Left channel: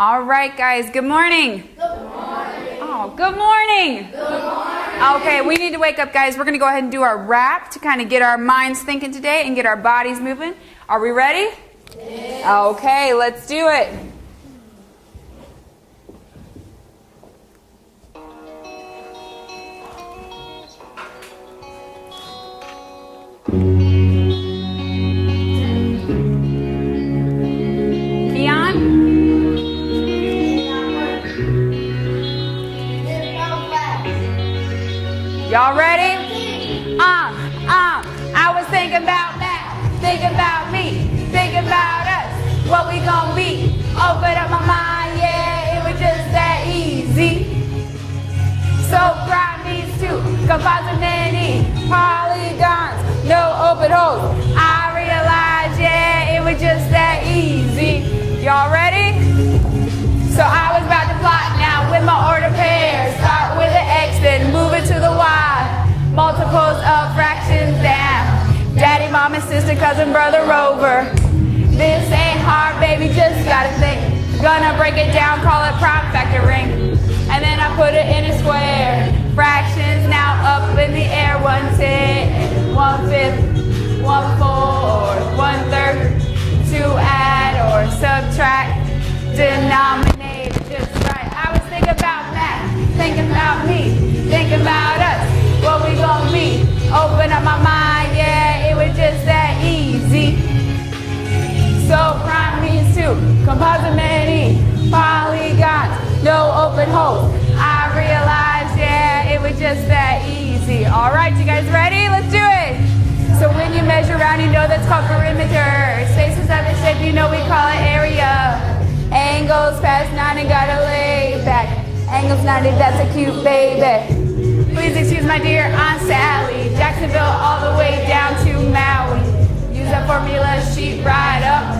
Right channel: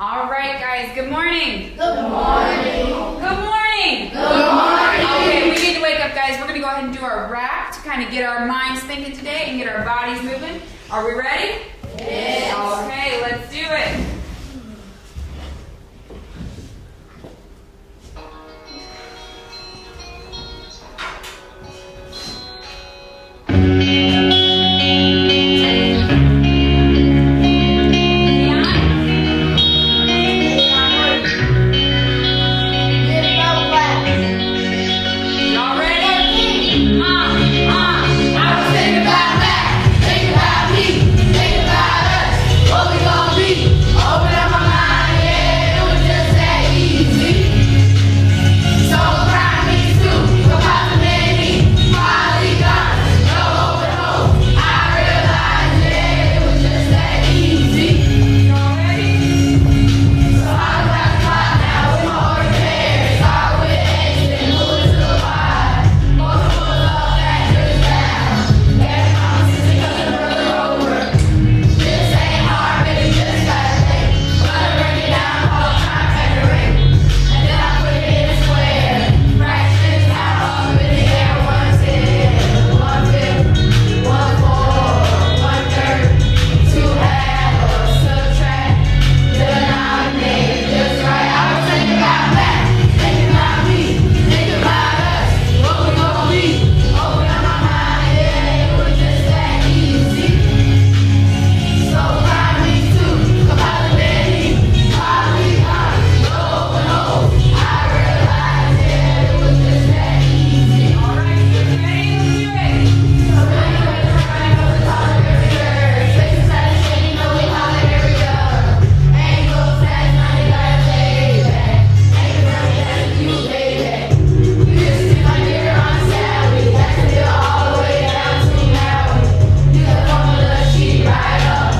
All right, guys, good morning. Good morning. Oh, good morning. Good morning. Okay, we need to wake up, guys. We're going to go ahead and do our rap to kind of get our minds thinking today and get our bodies moving. Are we ready? Yes. Okay, let's do it. Y'all ready? I was thinking about that, thinking about me, thinking about us, what we gon' be. Open up my mind, yeah, it was just that easy. So grind me too, composite many, polygons, no open holes. I realized, yeah, it was just that easy. Y'all ready? So I was about to plot now with my order pairs. Start with the X, then move it to the Y. Multiples of fractions down. Daddy, mom, and sister, cousin, brother, rover. This ain't hard, baby, just gotta think. Gonna break it down, call it prime factoring. And then I put it in a square. Fractions now up in the air. 1/10, 1/5, 1/4, 1/3. To add or subtract. Denominator, just right. I was thinking about that, thinking about me, thinking about us, what we gon' be. Open up my mind, yeah, it was just that easy. So prime me too, composite many, polygon, no open hole. I realized, yeah, it was just that easy. All right, you guys ready? Let's do it. So when you measure around, you know that's called perimeter. Space inside the shape, you know we call it area. Angles past 90, gotta lay back. Angles 90, that's a cute baby. Please excuse my dear Aunt Sally. Jacksonville all the way down to Maui. Use a formula sheet right up.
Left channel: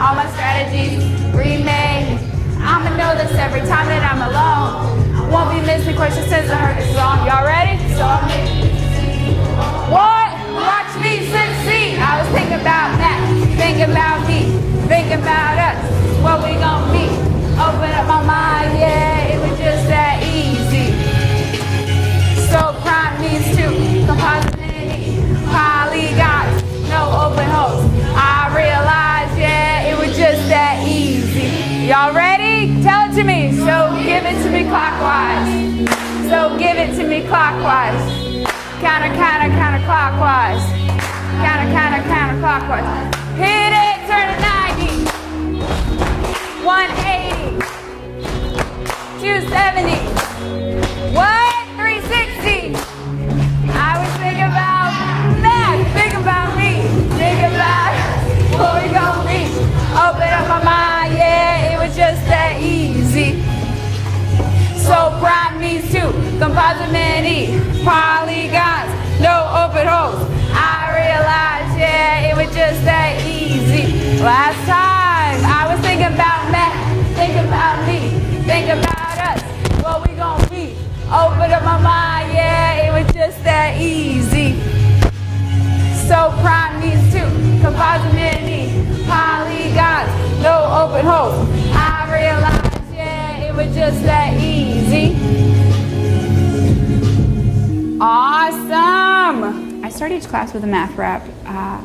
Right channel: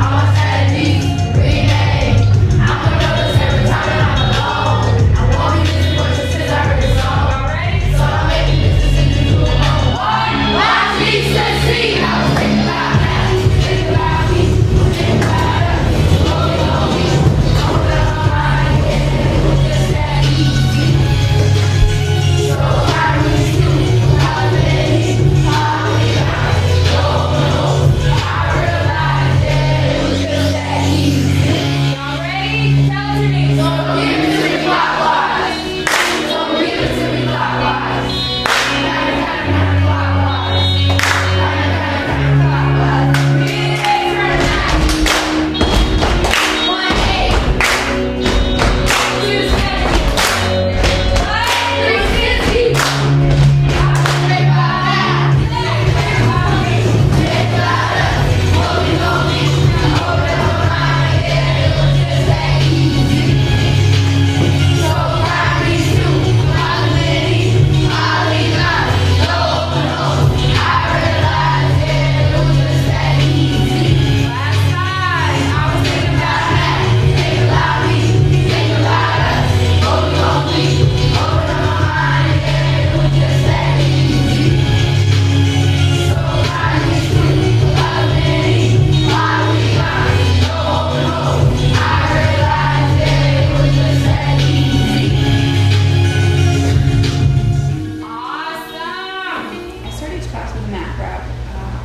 All my strategies, rename. I'ma know this every time that I'm alone. I won't be missing questions since I heard this song. Y'all ready? So I'm making this decision to one. Watch me succeed. I was thinking about that, thinking about me, thinking about us, what we gon' be. Open up my mind, yeah, it was just that easy. So prime these two, composite many, polygons, no open holes. I realized, yeah, it was just that easy. Y'all ready? Tell it to me. So give it to me clockwise. So give it to me clockwise. Counter clockwise. Counter clockwise. Hit it, turn 90. 180. 270. What? 360. I was thinking about that. Think about me. Think about us. What we gon' be. Open up my mind. Yeah, it was just that easy. So prime me too, composite many, polygons, no open holes. I realized, yeah, it was just that easy. Last time. I was thinking about that, thinking about me, thinking about us, what we gon' be. Open up my mind, yeah, it was just that easy. So prime me too, composite many, polygons, no open holes. I realized, yeah, it was just that easy. Awesome! I start each class with a math rap.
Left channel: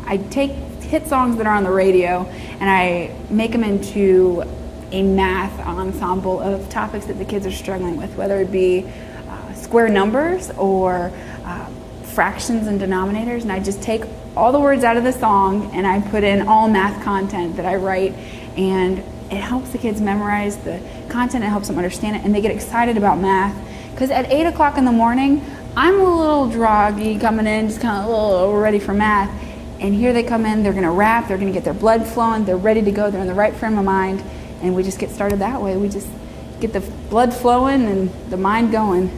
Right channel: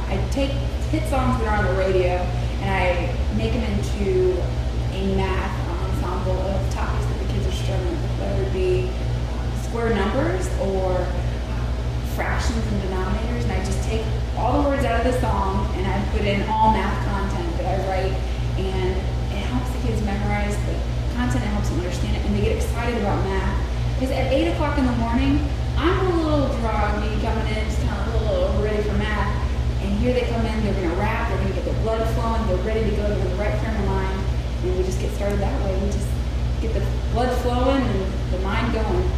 I take hit songs that are on the radio and I make them into a math ensemble of topics that the kids are struggling with, whether it be square numbers or fractions and denominators. And I just take all the words out of the song and I put in all math content that I write, and it helps the kids memorize the content, it helps them understand it, and they get excited about math. Because at 8 o'clock in the morning, I'm a little groggy coming in, just kind of a little ready for math. And here they come in, they're gonna rap, they're gonna get their blood flowing, they're ready to go, they're in the right frame of mind, and we just get started that way. We just get the blood flowing and the mind going.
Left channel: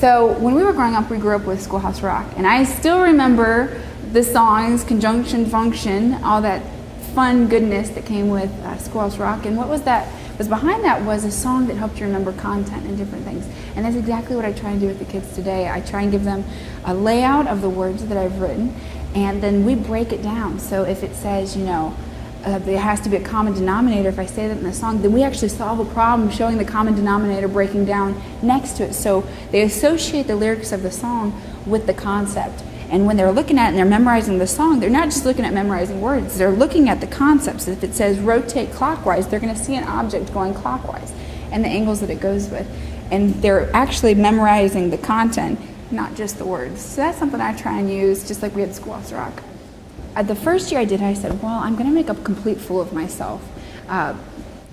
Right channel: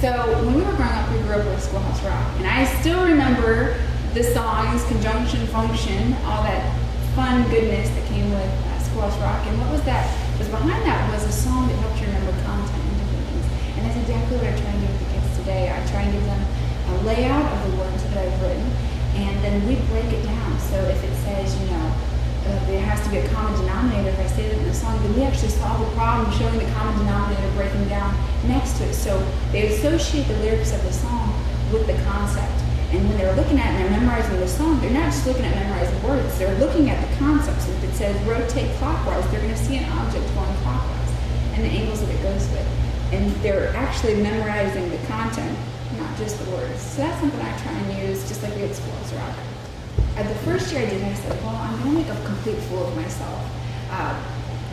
So when we were growing up, we grew up with Schoolhouse Rock, and I still remember the songs, conjunction, function, all that fun goodness that came with Schoolhouse Rock. And what was behind that was a song that helped you remember content and different things. And that's exactly what I try and do with the kids today. I try and give them a layout of the words that I've written, and then we break it down. So if it says, there has to be a common denominator if I say that in the song, then we actually solve a problem showing the common denominator breaking down next to it. So they associate the lyrics of the song with the concept. And when they're looking at it and they're memorizing the song, they're not just looking at memorizing words, they're looking at the concepts. If it says rotate clockwise, they're going to see an object going clockwise and the angles that it goes with. And they're actually memorizing the content, not just the words. So that's something I try and use, just like we had Schoolhouse Rock. The first year I did it, I said, well, I'm going to make a complete fool of myself,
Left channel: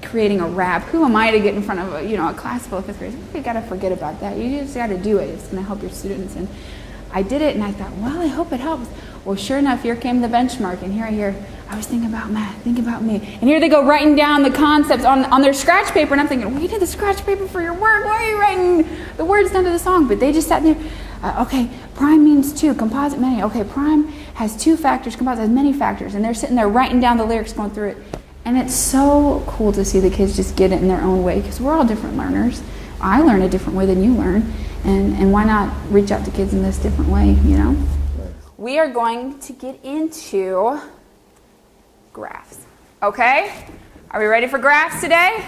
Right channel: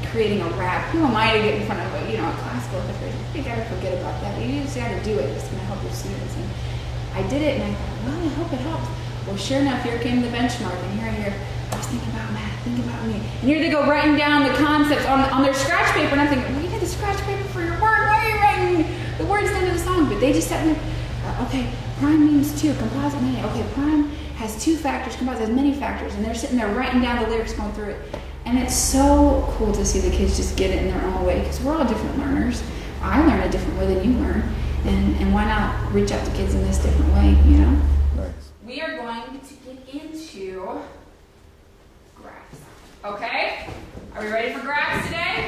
creating a rap. Who am I to get in front of a class full of fifth graders? You got to forget about that. You just got to do it. It's going to help your students. And I did it, and I thought, well, I hope it helps. Well, sure enough, here came the benchmark, and here I was thinking about math, think about me. And here they go writing down the concepts on their scratch paper, and I'm thinking, well, you did the scratch paper for your work. Why are you writing the words down to the song? But they just sat there, okay, prime means 2, composite many. Okay, prime has 2 factors, composite has many factors, and they're sitting there writing down the lyrics, going through it. And it's so cool to see the kids just get it in their own way, because we're all different learners. I learn a different way than you learn, and why not reach out to kids in this different way, you know? Nice. We are going to get into graphs, okay? Are we ready for graphs today?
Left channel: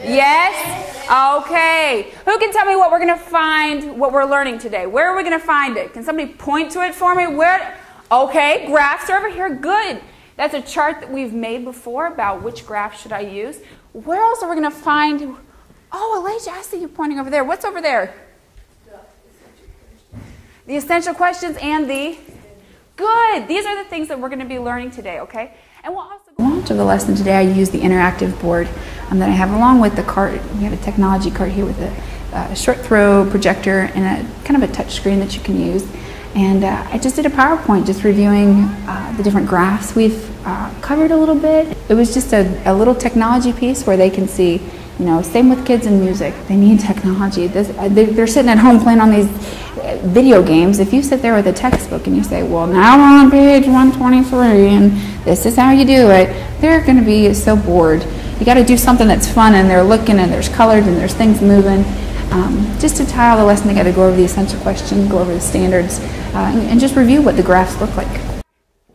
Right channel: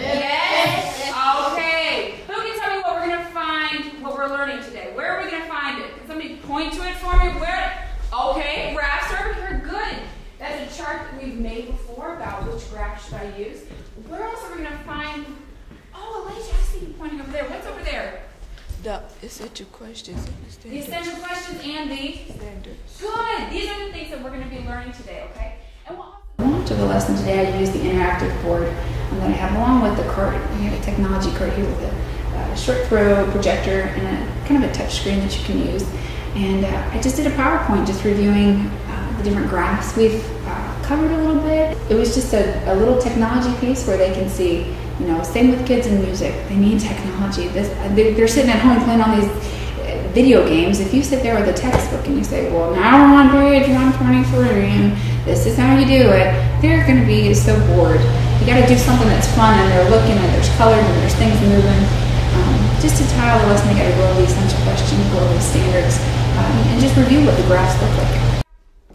Yes? Okay. Who can tell me what we're going to find, what we're learning today? Where are we going to find it? Can somebody point to it for me? Where? Okay, graphs are over here. Good. That's a chart that we've made before about which graph should I use. Where else are we going to find? Oh, Elijah, I see you pointing over there. What's over there? The essential questions. The essential questions and the standards. Good. These are the things that we're going to be learning today, okay? And we'll also go on to the lesson today. I use the interactive board that I have along with the cart. We have a technology cart here with a short throw projector and a kind of a touch screen that you can use. And I just did a PowerPoint just reviewing the different graphs we've covered a little bit. It was just a little technology piece where they can see, you know, same with kids in music. They need technology. They're sitting at home playing on these video games. If you sit there with a textbook and you say, well, now we're on page 123 and this is how you do it, they're going to be so bored. You got to do something that's fun, and they're looking and there's colors and there's things moving. Just to tie all the lesson together, go over the essential questions, go over the standards, and just review what the graphs look like.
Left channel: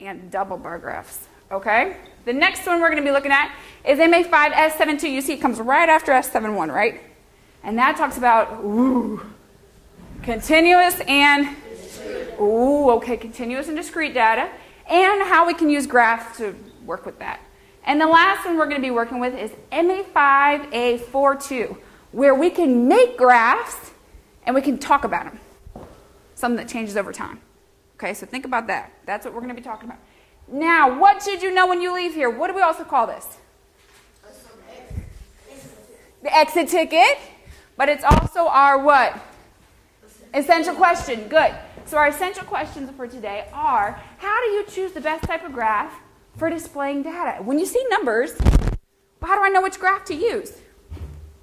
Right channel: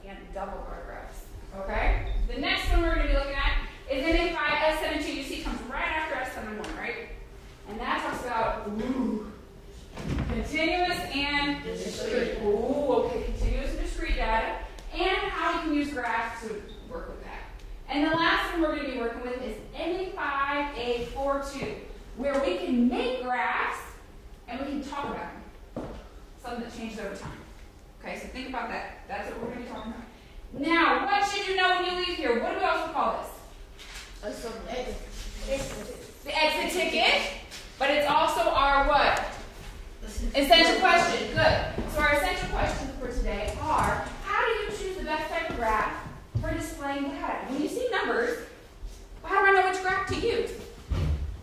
And double bar graphs, okay? The next one we're going to be looking at is MA5 S72. You see it comes right after S71, right? And that talks about continuous and continuous and discrete data, and how we can use graphs to work with that. And the last one we're going to be working with is MA5A42, where we can make graphs and we can talk about them. Something that changes over time. Okay, so think about that. That's what we're going to be talking about. Now, what should you know when you leave here? What do we also call this? The exit ticket. But it's also our what? Essential question. Good. So our essential questions for today are, how do you choose the best type of graph for displaying data? When you see numbers, how do I know which graph to use?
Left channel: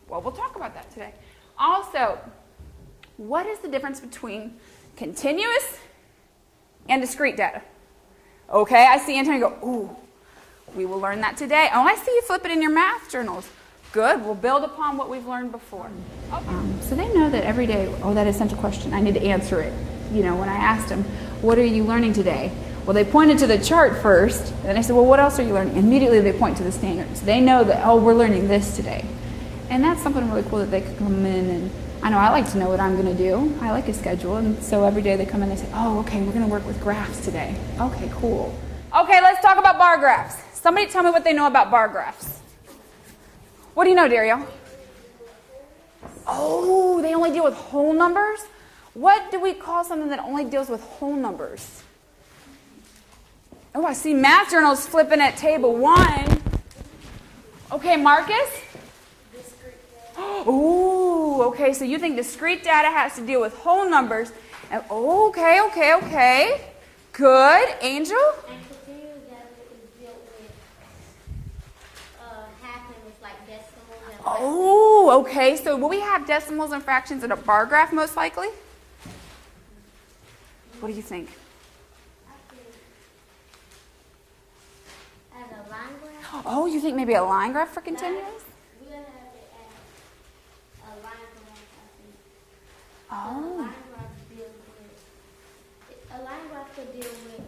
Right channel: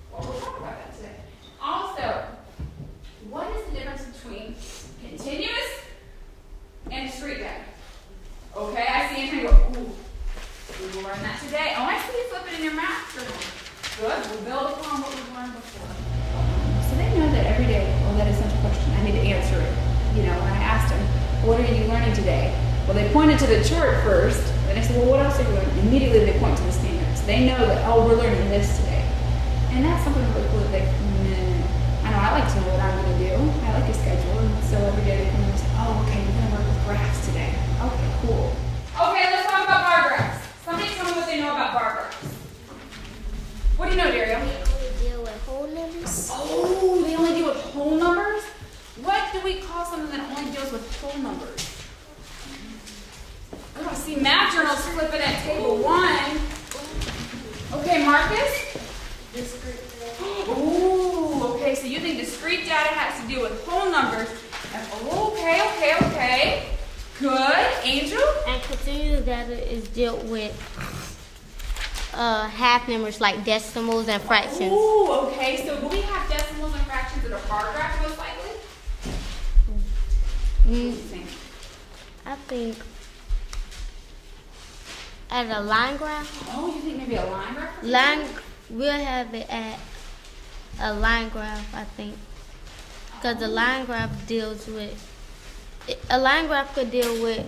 Well, we'll talk about that today. Also, what is the difference between continuous and discrete data? Okay, I see Antonio go, ooh, we will learn that today. Oh, I see you flip it in your math journal. Good, we'll build upon what we've learned before. So they know that every day, that essential question, I need to answer it. You know, when I asked them, what are you learning today? Well, they pointed to the chart first, and then I said, well, what else are you learning? Immediately they point to the standards. They know that, we're learning this today. And that's something really cool that they can come in, and I know I like to know what I'm going to do. I like a schedule, and so every day they come in and say, okay, we're going to work with graphs today. Okay, cool. Okay, let's talk about bar graphs. Somebody tell me what they know about bar graphs. What do you know, Dario? They only deal with whole numbers. Oh, they only deal with whole numbers? What do we call something that only deals with whole numbers? Oh, I see math journals flipping at table 1. Okay, Marcus? Oh, okay, so you think discrete data has to deal with whole numbers. And, okay. Good. Angel? And continuous data is dealt with half numbers like decimals and fractions. Oh, okay. So will we have decimals and fractions in a bar graph most likely? What do you think? I think at a line graph. Oh, you think maybe a line graph for continuous? We'll have it at a line graph, I think. Because the line graph deals with, a line graph could deal with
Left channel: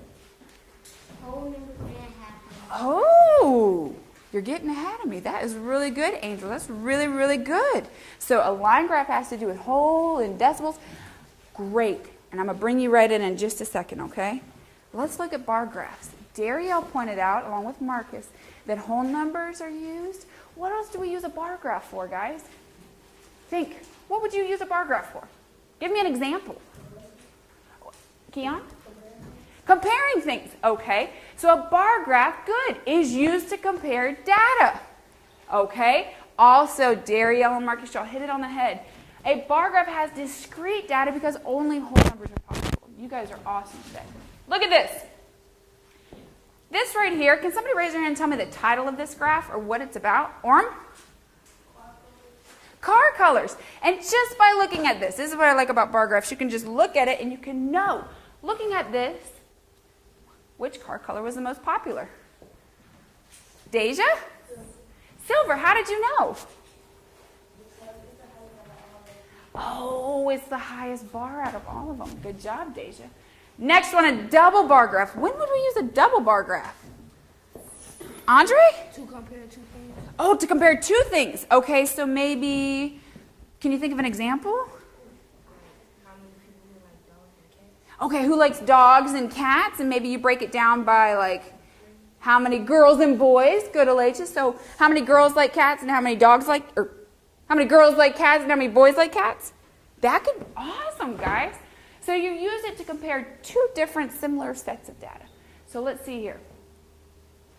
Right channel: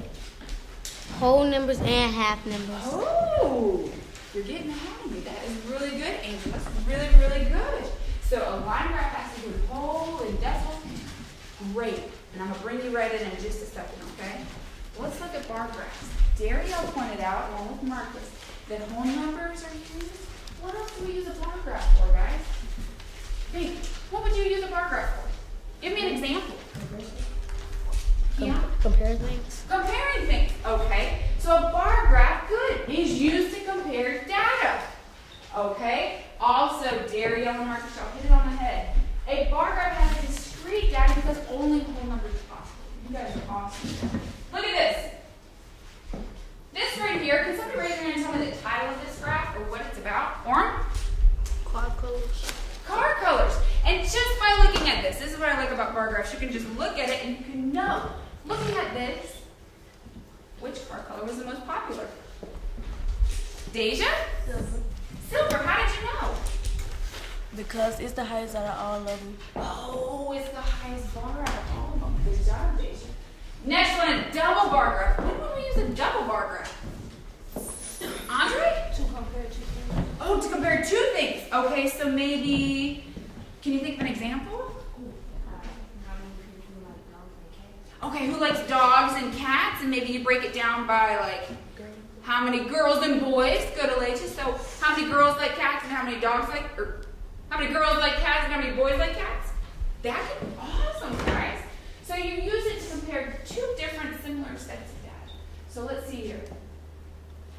whole numbers and half numbers. Oh, you're getting ahead of me. That is really good, Angel. That's really, really good. So a line graph has to do with whole and decimals. Great. And I'm going to bring you right in just a second, okay? Let's look at bar graphs. Darielle pointed out, along with Marcus, that whole numbers are used. What else do we use a bar graph for, guys? Think. What would you use a bar graph for? Give me an example. Keon? Compare things. Comparing things. Okay. So a bar graph, good, is used to compare data. Okay. Also, Darielle and Marcus, y'all hit it on the head. A bar graph has discrete data because only whole numbers are possible. You guys are awesome today. Look at this. This right here, can somebody raise your hand and tell me the title of this graph or what it's about? Orm? Car colors. Car colors. And just by looking at this is what I like about bar graphs. You can just look at it and you can know, looking at this, which car color was the most popular? Deja? Silver. Silver. How did you know? Because it's the highest out of all of them. Oh, it's the highest bar out of all of them. Good job, Deja. Next one, a double bar graph. When would we use a double bar graph? Andre? To compare to. Oh, to compare two things. Okay, so maybe, can you think of an example? Okay, who likes dogs and cats? And maybe you break it down by like how many girls and boys. Good, Elijah. So how many girls like cats and how many dogs like, or how many girls like cats and how many boys like cats? That could be awesome, guys. So you use it to compare two different similar sets of data. So let's see here.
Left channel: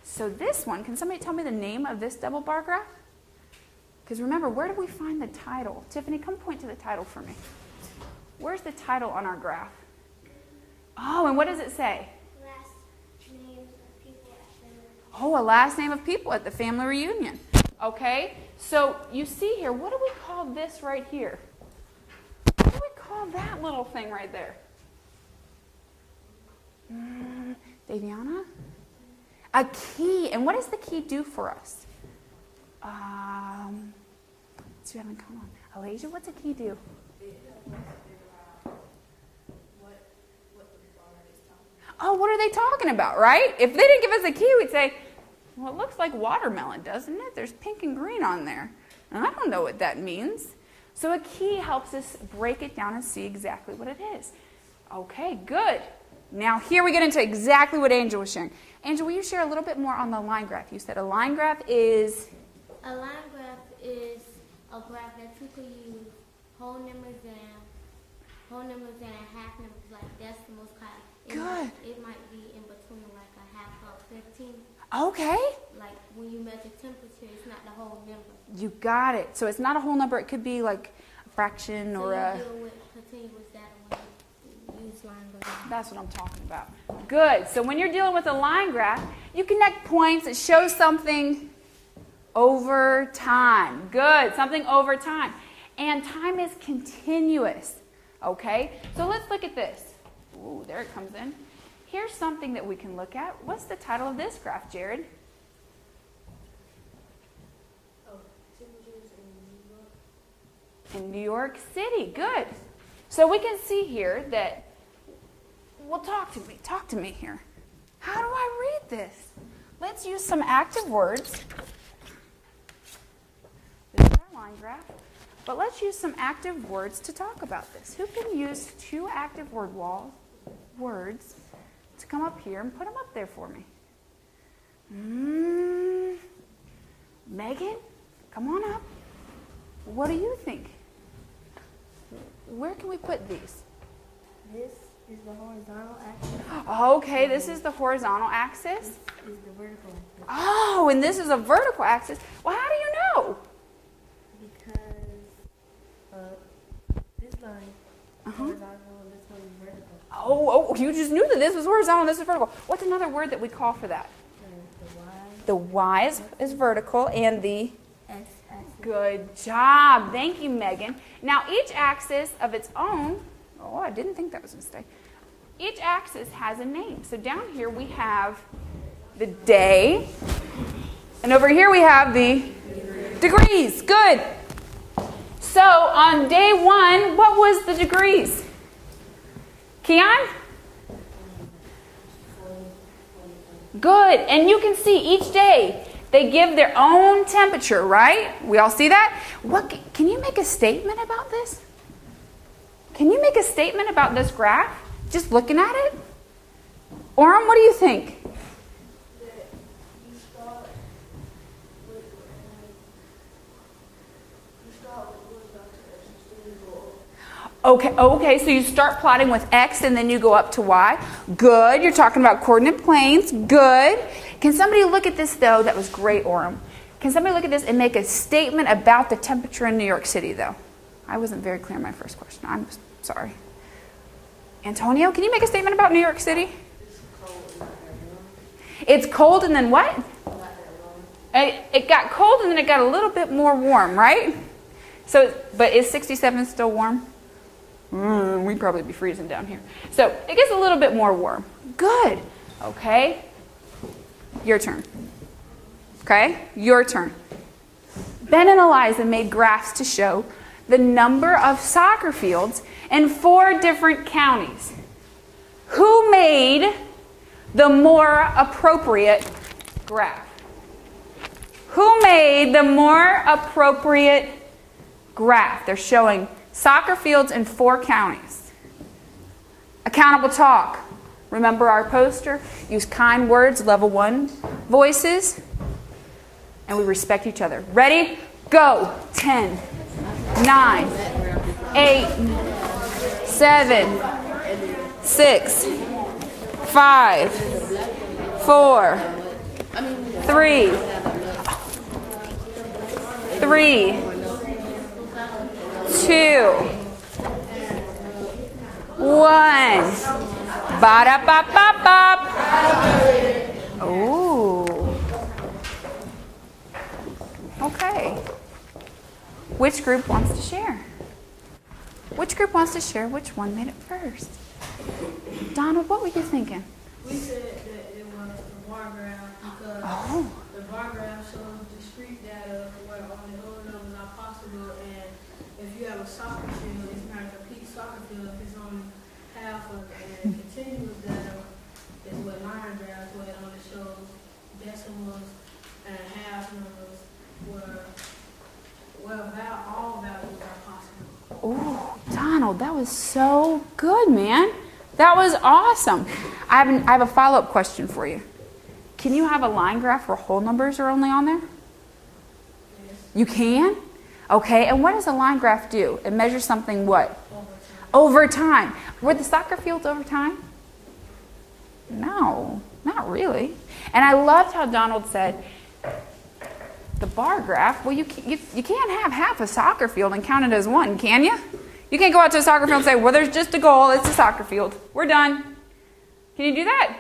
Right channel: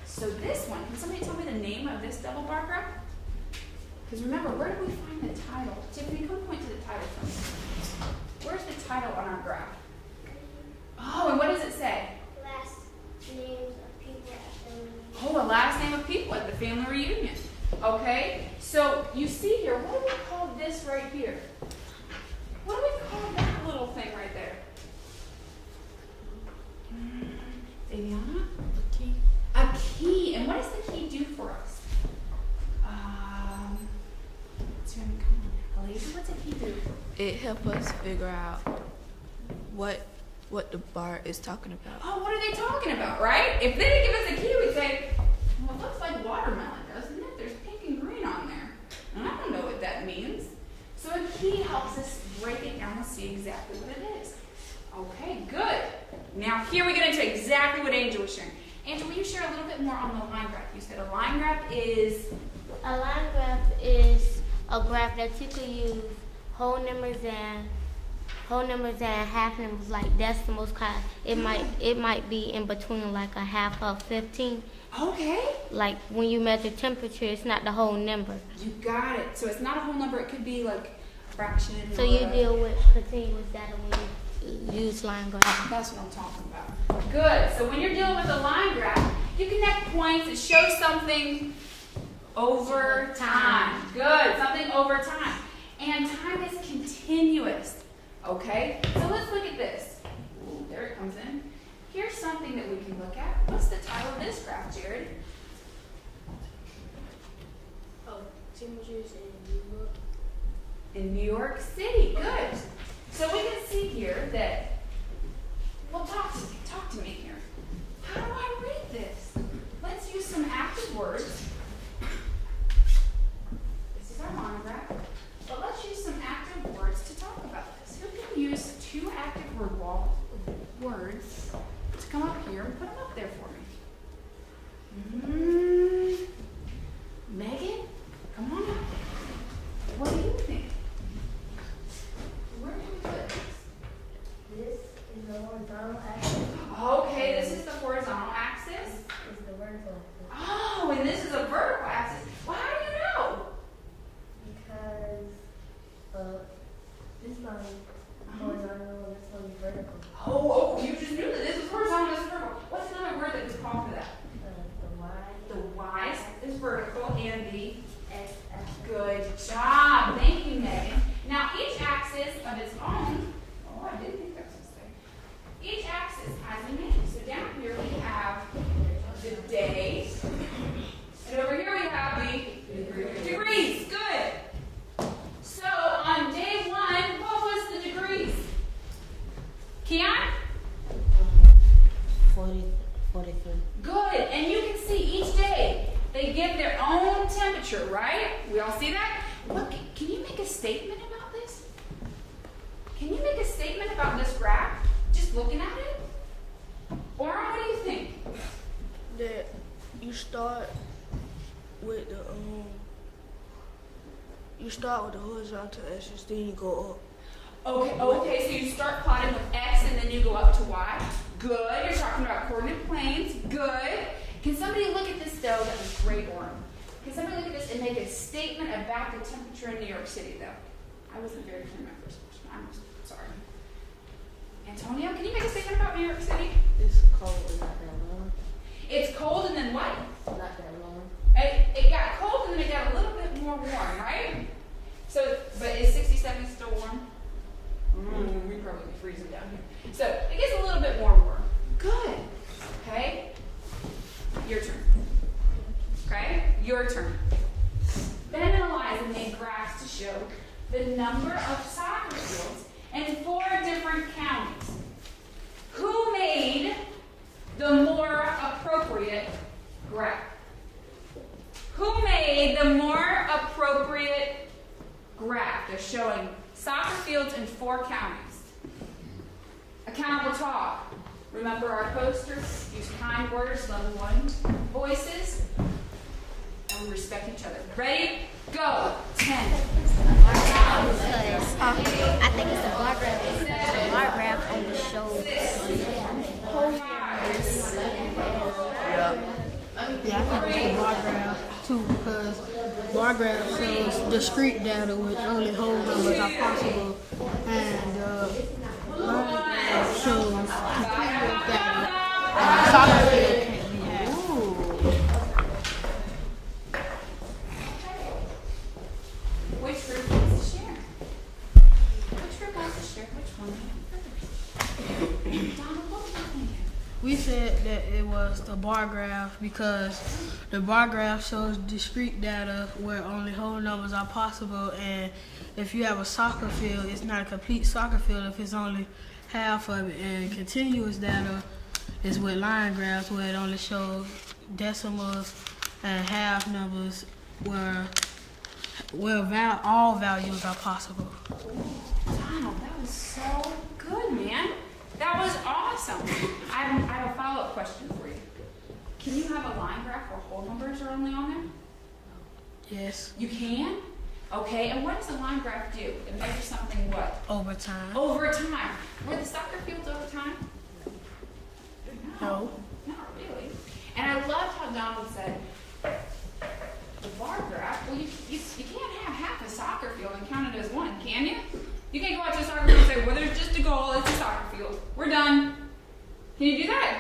So this one, can somebody tell me the name of this double bar graph? Because remember, where do we find the title? Tiffany, come point to the title for me. Where's the title on our graph? Oh, and what does it say? Last names of people at the reunion. Oh, a last name of people at the family reunion. Okay, so you see here, what do we call this right here? What do we call that little thing right there? Daviana? Key. A key. And what does the key do for us? Let's see, come on. Elijah, what's a key do? It helps us figure out what the bar is talking about. Oh, what are they talking about, right? If they didn't give us a key, we'd say, well, it looks like watermelon, doesn't it? There's pink and green on there. And I don't know what that means. So a key helps us break it down and see exactly what it is. Okay, good. Now here we get into exactly what Angel was sharing. Angel, will you share a little bit more on the line graph? You said a line graph is? A line graph is a graph that you can use whole numbers and half numbers, like decimals. It might be in between like a half of 15. Okay. Like when you measure temperature, it's not the whole number. You got it. So it's not a whole number. It could be like a fraction. So you deal with continuous data when you use line graph. That's what I'm talking about. Good. So when you're dealing with a line graph, you connect points that show something over time. Good. Something over time. And time is continuous. Okay? So let's look at this. Ooh, there it comes in. Here's something that we can look at. What's the title of this graph, Jared? Oh, temperatures in New York. In New York City. Good. So we can see here that, well, talk to me here. How do I read this? Let's use some active words. This is our line graph. But let's use some active words to talk about this. Who can use two active words to come up here and put them up there for me? Megan, come on up. What do you think? Where can we put these? This is the horizontal axis. Okay, this is the horizontal axis. This is the vertical axis. Oh, and this is a vertical axis. Well, how do you know? Because this line is horizontal, this one is vertical. Oh, you just knew that this is horizontal, this is vertical. What's another word that we call for that? The The Y is vertical and the X axis. good job. Thank you, Megan. Now, each axis of its own, oh, I didn't think that was a mistake. Each axis has a name. So down here we have the day, and over here we have the degrees. Good. So on day 1, what was the degrees? Keon? 40, 43. Good. And you can see each day they give their own temperature, right? We all see that? Can you make a statement about this? Can you make a statement about this graph? Just looking at it? Orem, what do you think? That you start with the horizontal axis, then you go up. Okay, so you start plotting with X and then you go up to Y. Good, you're talking about coordinate planes. Good. Can somebody look at this though? That was great, Orem. Can somebody look at this and make a statement about the temperature in New York City though? I wasn't very clear in my first question. I'm sorry. Antonio, can you make a statement about New York City? It's cold, not that warm. It's cold and then what? Not that warm. It got cold and then it got a little bit more warm, right? So, but is 67 still warm? We'd probably be freezing down here. So it gets a little bit more warm. Good. Okay. Your turn. Okay, your turn. Ben and Eliza made graphs to show the number of soccer fields in 4 different counties. Who made the more appropriate graph? Who made the more appropriate graph? They're showing soccer fields in 4 counties. Accountable talk. Remember our poster? Use kind words, level 1 voices, and we respect each other. Ready? Go. 10, 9, 8, 7, 6, 5, 4, 3, 3, 2, 1. Ba-da-ba-ba-ba. Ooh. Okay. Which group wants to share? Which group wants to share which one made it first? Donald, what were you thinking? We said that it was the bar graph because the bar graph shows discrete data where only whole numbers are possible, and if you have a soccer field, it's not a complete soccer field if it's only half of it, and continuous data is with line graphs where it only shows decimals and half numbers where all values are possible. Ooh, Donald, that was so good, man. That was awesome. I have a follow-up question for you. Can you have a line graph where whole numbers are only on there? Yes. You can? Okay, and what does a line graph do? It measures something what? Over time. Over time. Were the soccer fields over time? No, not really. And I loved how Donald said, the bar graph, well, you can't have half a soccer field and count it as one, can you? You can't go out to a soccer field and say, well, there's just a goal, it's a soccer field. We're done. Can you do that?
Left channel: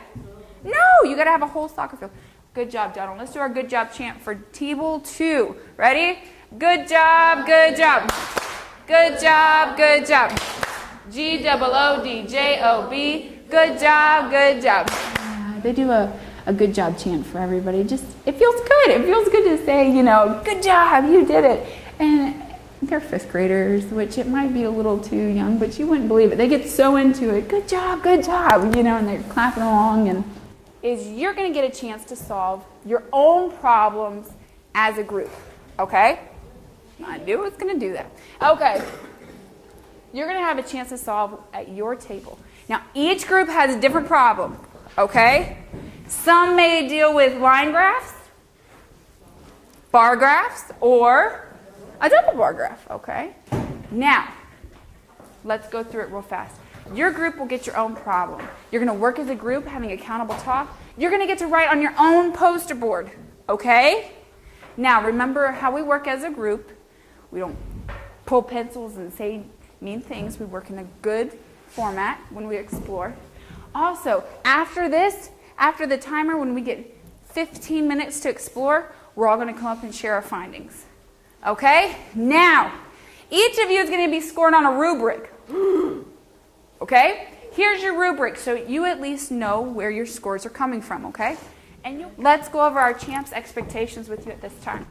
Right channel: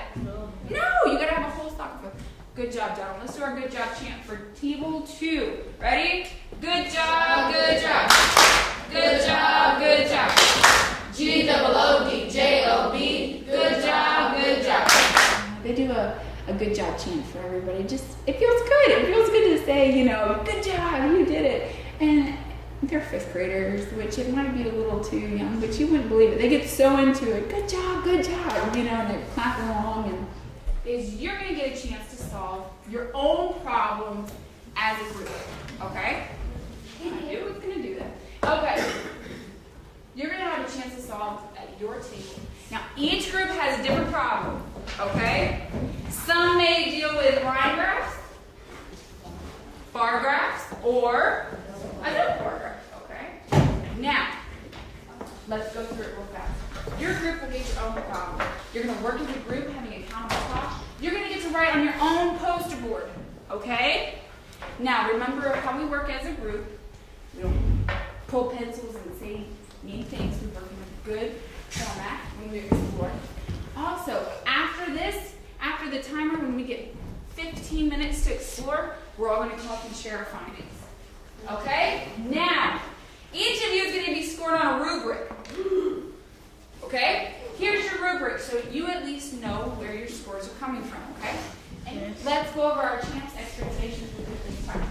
No, you got to have a whole soccer field. Good job, Donald. Let's do our good job chant for Table 2. Ready? Good job, good job. Good job, good job. G-O-O-D-J-O-B. Good job, good job. They do a good job chant for everybody. Just, it feels good. It feels good to say, you know, good job, you did it. And they're 5th graders, which it might be a little too young, but you wouldn't believe it. They get so into it. Good job, you know, and they're clapping along. And you're going to get a chance to solve your own problems as a group, okay? I knew I was going to do that. Okay. You're going to have a chance to solve at your table. Now, each group has a different problem, okay? Some may deal with line graphs, bar graphs, or a double bar graph, okay? Now, let's go through it real fast. Your group will get your own problem. You're going to work as a group, having accountable talk. You're going to get to write on your own poster board, okay? Now, remember how we work as a group. We don't pull pencils and say mean things. We work in a good format when we explore. Also, after this, after the timer, when we get 15 minutes to explore, we're all going to come up and share our findings. Okay? Now, each of you is going to be scored on a rubric. Okay? Here's your rubric, so you at least know where your scores are coming from, okay? And let's go over our champ's expectations with it this time.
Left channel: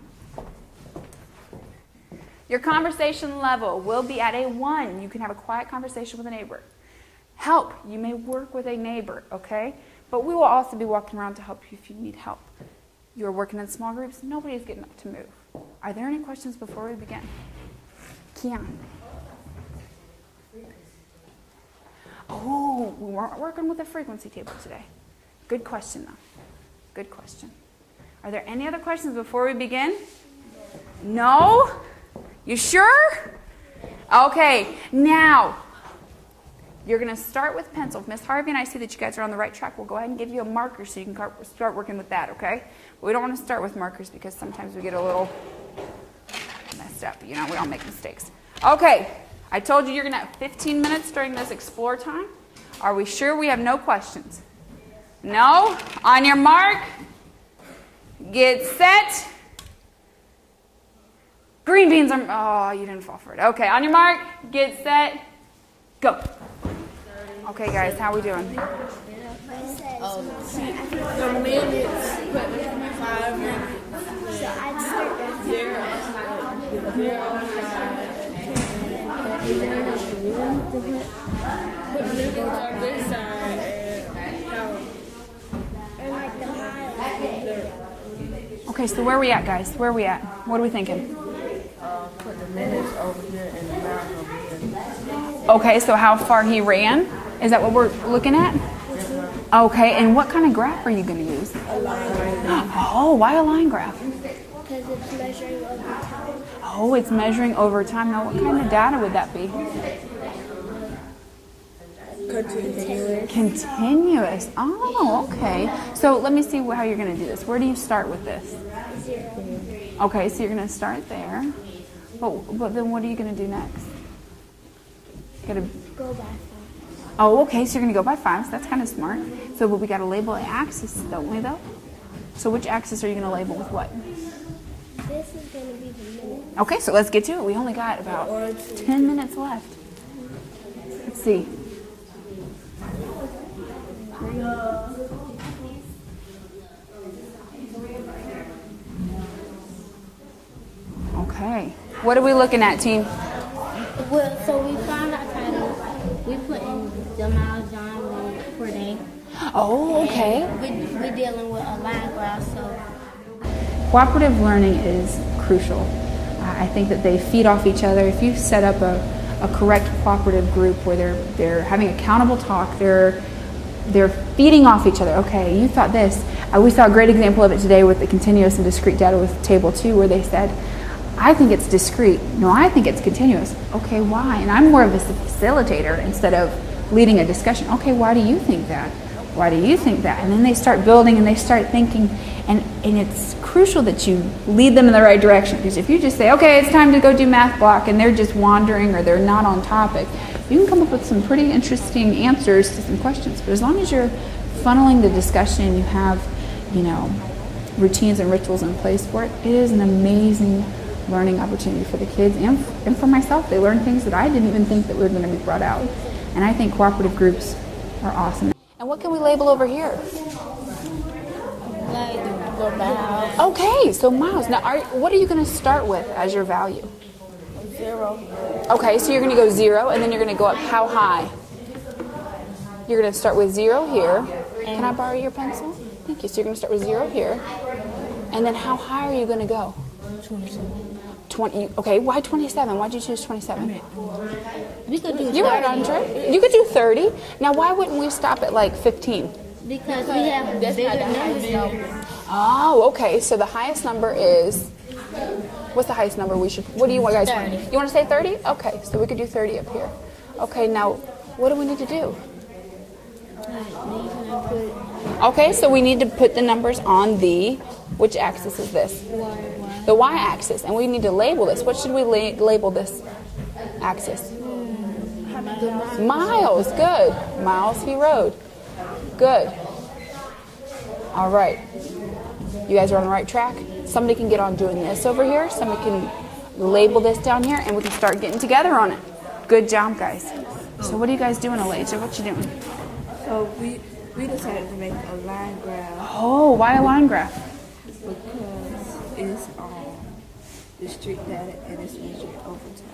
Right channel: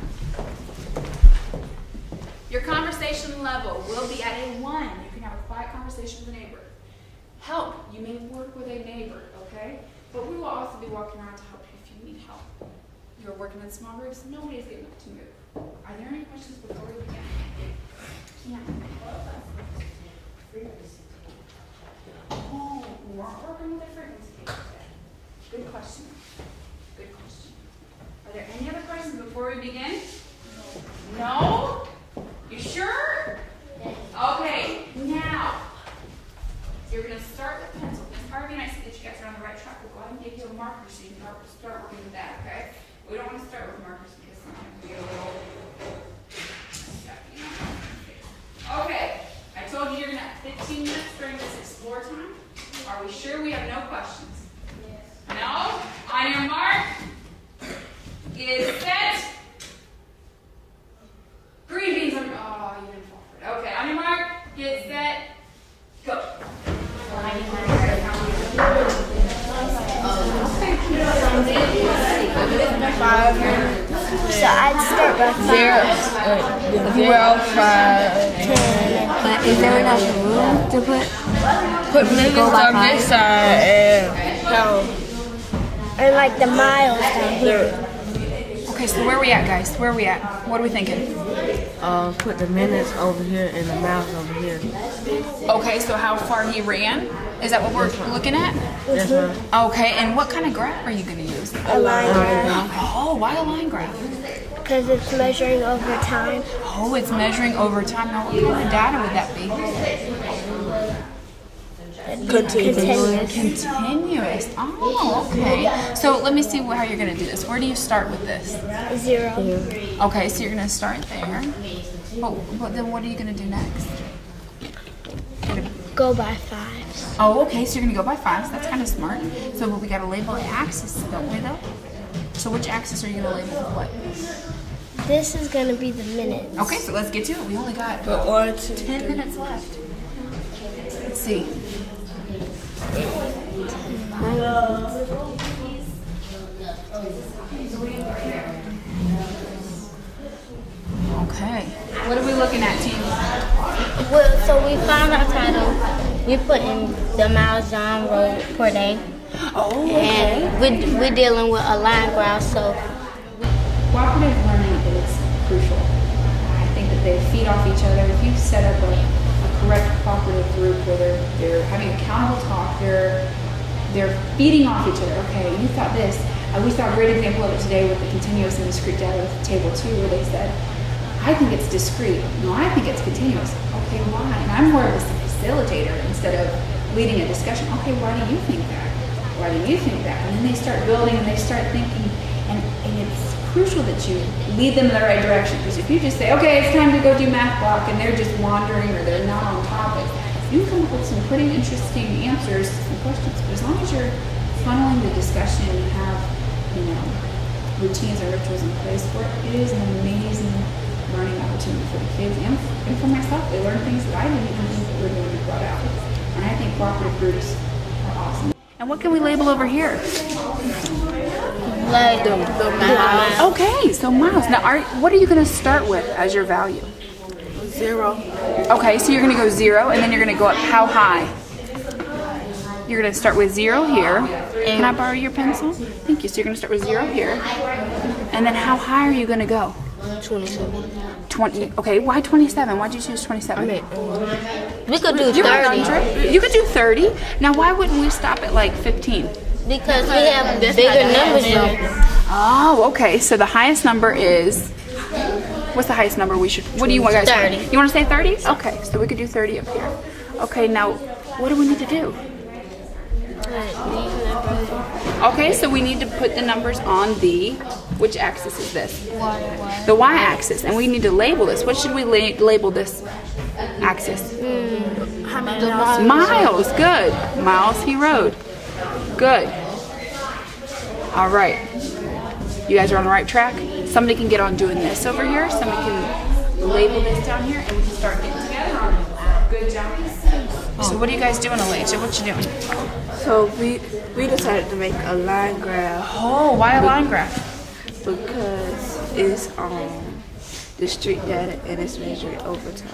Your conversation level will be at a 1. You can have a quiet conversation with a neighbor. Help. You may work with a neighbor, okay? But we will also be walking around to help you if you need help. You're working in small groups. Nobody's getting up to move. Are there any questions before we begin? Kiana. Oh, we weren't working with a frequency table today. Good question, though. Good question. Are there any other questions before we begin? No? You sure? Okay, now, you're going to start with pencils. Miss Harvey and I see that you guys are on the right track. We'll go ahead and give you a marker so you can start working with that, okay? We don't want to start with markers because sometimes we get a little messed up. You know, we don't make mistakes. Okay, I told you you're going to have 15 minutes during this explore time. Are we sure we have no questions? No? On your mark, get set. Green beans are, oh, you didn't fall for it. Okay, on your mark, get set, go. Okay, guys, how are we doing? 5 minutes. So I'd start by 5. 0, 5, 10. Is there enough room to put minutes on this side and like the miles down here? Okay, so where are we at, guys? Where are we at? What are we thinking? put the minutes over here and the miles over here. Okay, so how far he ran? Is that what we're looking at? Yes, ma'am. Okay, and what kind of graph are you going to use? A line graph. Oh, why a line graph? Because it's measuring over time. Oh, it's measuring over time. Now, what kind of data would that be? Continuous. Oh, okay. So let me see how you're going to do this. Where do you start with this? 0. Okay, so you're going to start there. But then what are you going to do next? Go by 5. Oh, okay, so you're going to go by 5s. That's kind of smart. So we got to label an axis, don't we, though? So which axis are you going to label with what? This is going to be the minutes. Okay, so let's get to it. We only got 10 minutes left. Let's see. Okay. What are we looking at, team? Well, so we found our title. You put in the miles John rode per day. Oh, okay. And we're dealing with a line graph, so. Cooperative learning is crucial. I think that they feed off each other. If you set up a correct cooperative group where they're having accountable talk, they're feeding off each other. Okay, you thought this. We saw a great example of it today with the continuous and discrete data with table 2, where they said, I think it's discrete. No, I think it's continuous. Okay, why? And I'm more of a facilitator instead of leading a discussion. Okay, why do you think that? Why do you think that? And then they start building and they start thinking, and it's crucial that you lead them in the right direction. Because if you just say, okay, it's time to go do math block, and they're just wandering or they're not on topic, you can come up with some pretty interesting answers to some questions. But as long as you're funneling the discussion, you have, routines and rituals in place for it, it is an amazing learning opportunity for the kids and for myself. They learn things that I didn't even think that were going to be brought out. And I think cooperative groups are awesome. And what can we label over here? Like the miles. Okay, so miles. Now, what are you going to start with as your value? 0. Okay, so you're going to go 0, and then you're going to go up how high? You're going to start with 0 here. Can I borrow your pencil? Thank you. So you're going to start with 0 here. And then how high are you going to go? 27. 20. Okay, why 27? Why'd you choose 27? We could do 30. You could do 30. Now, why wouldn't we stop at like 15? Because we have bigger numbers here. Oh, okay. So the highest number is, what's the highest number we should, what do you want guys? 30. You want to say 30? Okay, so we could do 30 up here. Okay, now, what do we need to do? Okay, so we need to put the numbers on the, which axis is this? The y-axis, and we need to label this. What should we label this axis? How many miles? Miles, good. Miles he rode. Good. All right. You guys are on the right track. Somebody can get on doing this over here. Somebody can label this down here, and we can start getting together on it. Good job, guys. So what are you guys doing, Elijah? What you doing? So we decided to make a line graph Oh, why a line graph? because it's discrete data and it's measured over time.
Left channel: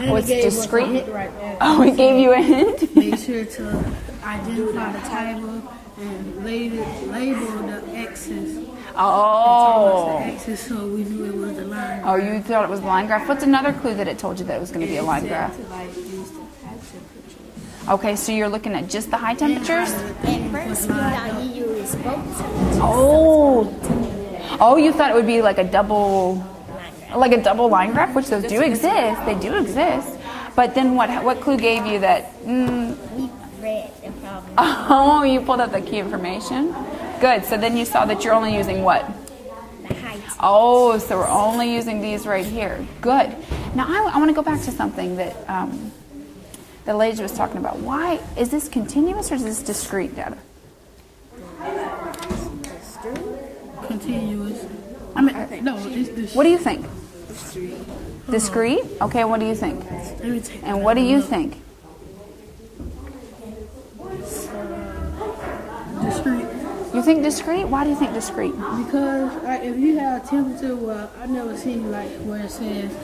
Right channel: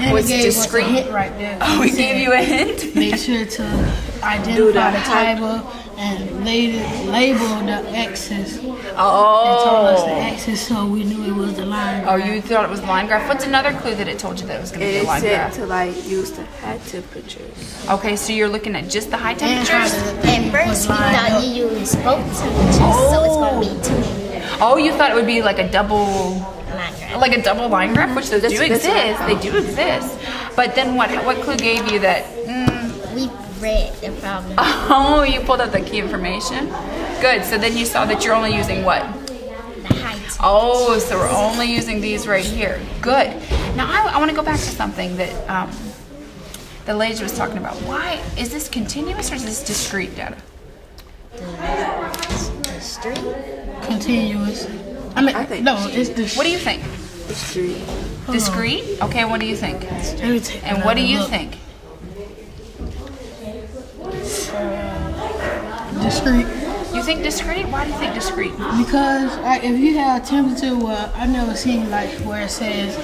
And it's it gave us a discrete? hint right there. Oh, we gave you a hint? Make sure to identify the typo and label the X's. And told us the Oh. X's so we knew it was the line. Oh, you thought it was line graph. What's another clue that it told you that it was going to And be a it line said graph? to like use the high temperatures. Okay, so you're looking at just the high And how temperatures? the At thing was first, we lined thought up. you used both temperatures, so it's going to be 2 Oh, you thought it would be like a double line graph. like a double line graph, which those do That's exist. right. They do exist. But then what clue gave you that? We read the problem. Oh, you pulled up the key information. Good. So then you saw that you're only using what? The height. Oh, so we're only using these right here. Good. Now I want to go back to something that the lady was talking about. Why is this continuous or is this discrete data? The street. Continuous. I mean, think no, it's the. What do you think? Discrete. Discrete? Okay. What do you think? Let me take And what do you look. think? Discrete. You think discrete? Why do you think discrete? Because if you have temperature, well, I never seen like where it says